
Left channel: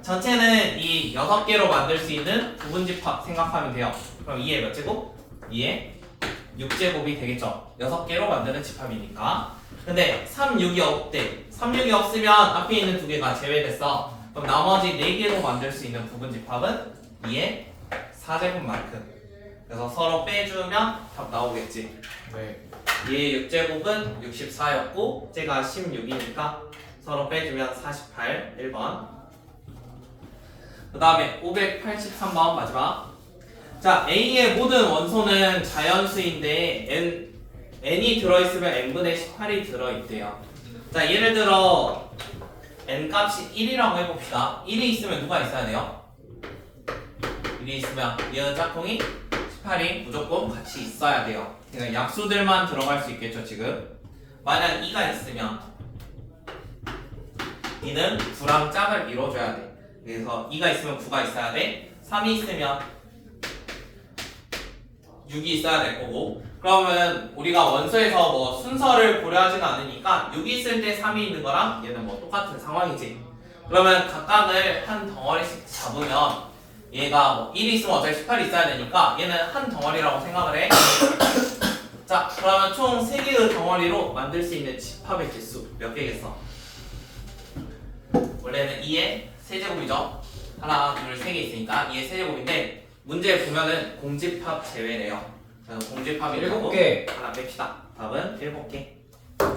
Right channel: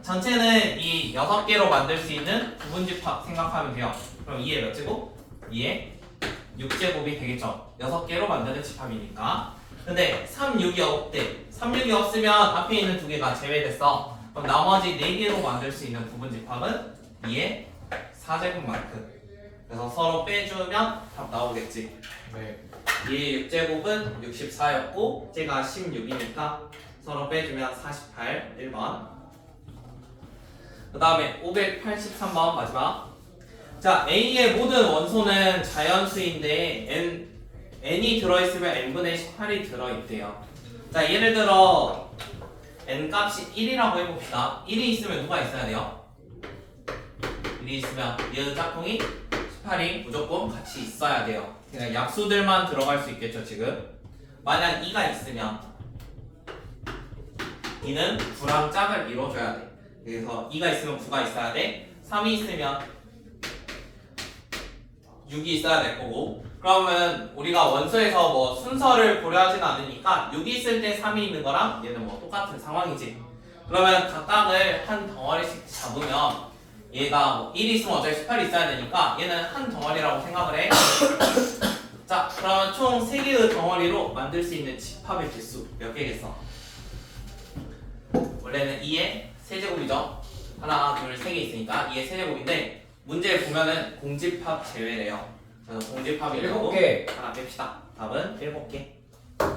전체는 이 6개로 만들 수 있는 부분집합 생각하면 돼요. 그럼 2의 몇 제곱? 2의 6제곱이 되겠죠. 6개로 만드는 집합이니까. 근데 3, 6이 없대. 3, 6이 없으면 앞에 있는 2개가 제외됐어. 그럼 나머지 4개로 만들 수 있는 부분집합은 2의 4제곱만큼. 그래서 서로 빼주면 답 나오겠지. 네. 2의 6제곱은 64였고 쟤가 16이니까 서로 빼주면 48, 1번. 그 다음에 583번 마지막. 자, A의 모든 원소는 자연수인데 n이 들어있으면 n분의 18이 들어있대요. 자, 예를 들어 n 값이 1이라고 해봅시다. 1이 있으면 누가 있어야 돼요? 1이 있으면 얘의 짝꿍이 18이 무조건 같이 있어야 돼요. 그러니까 약수들만 들어갈 수 있겠죠 지금. 만약 2가 있으면 2는 9랑 짝을 이뤄줘야 돼. 그래서 2가 있으면 9가 있어야 돼. 3이 있으면 6이 있어야 될 거고. 그러면 우리가 원소에서 뭐 순서를 고려하지는 않으니까 6이 있을 때 3이 있는 거랑 얘는 뭐 똑같은 상황이지. 그러면 각각을 한 덩어리씩 잡으면 얘가 뭐 1이 있으면 어차피 18이 있어야 되니까 얘는 한 덩어리라고 생각을 해. 자, 그러면 총 3개의 덩어리로 만들 수 있는 집합의 개수 몇 개겠어? 원래는 2의 세제곱이죠. 하나, 둘, 3개 있으니까 2의 세제곱인데 문제에 보면은 공집합 제외래요. 그래서 공집합이 7개. 하나 뺍시다. 답은 7개.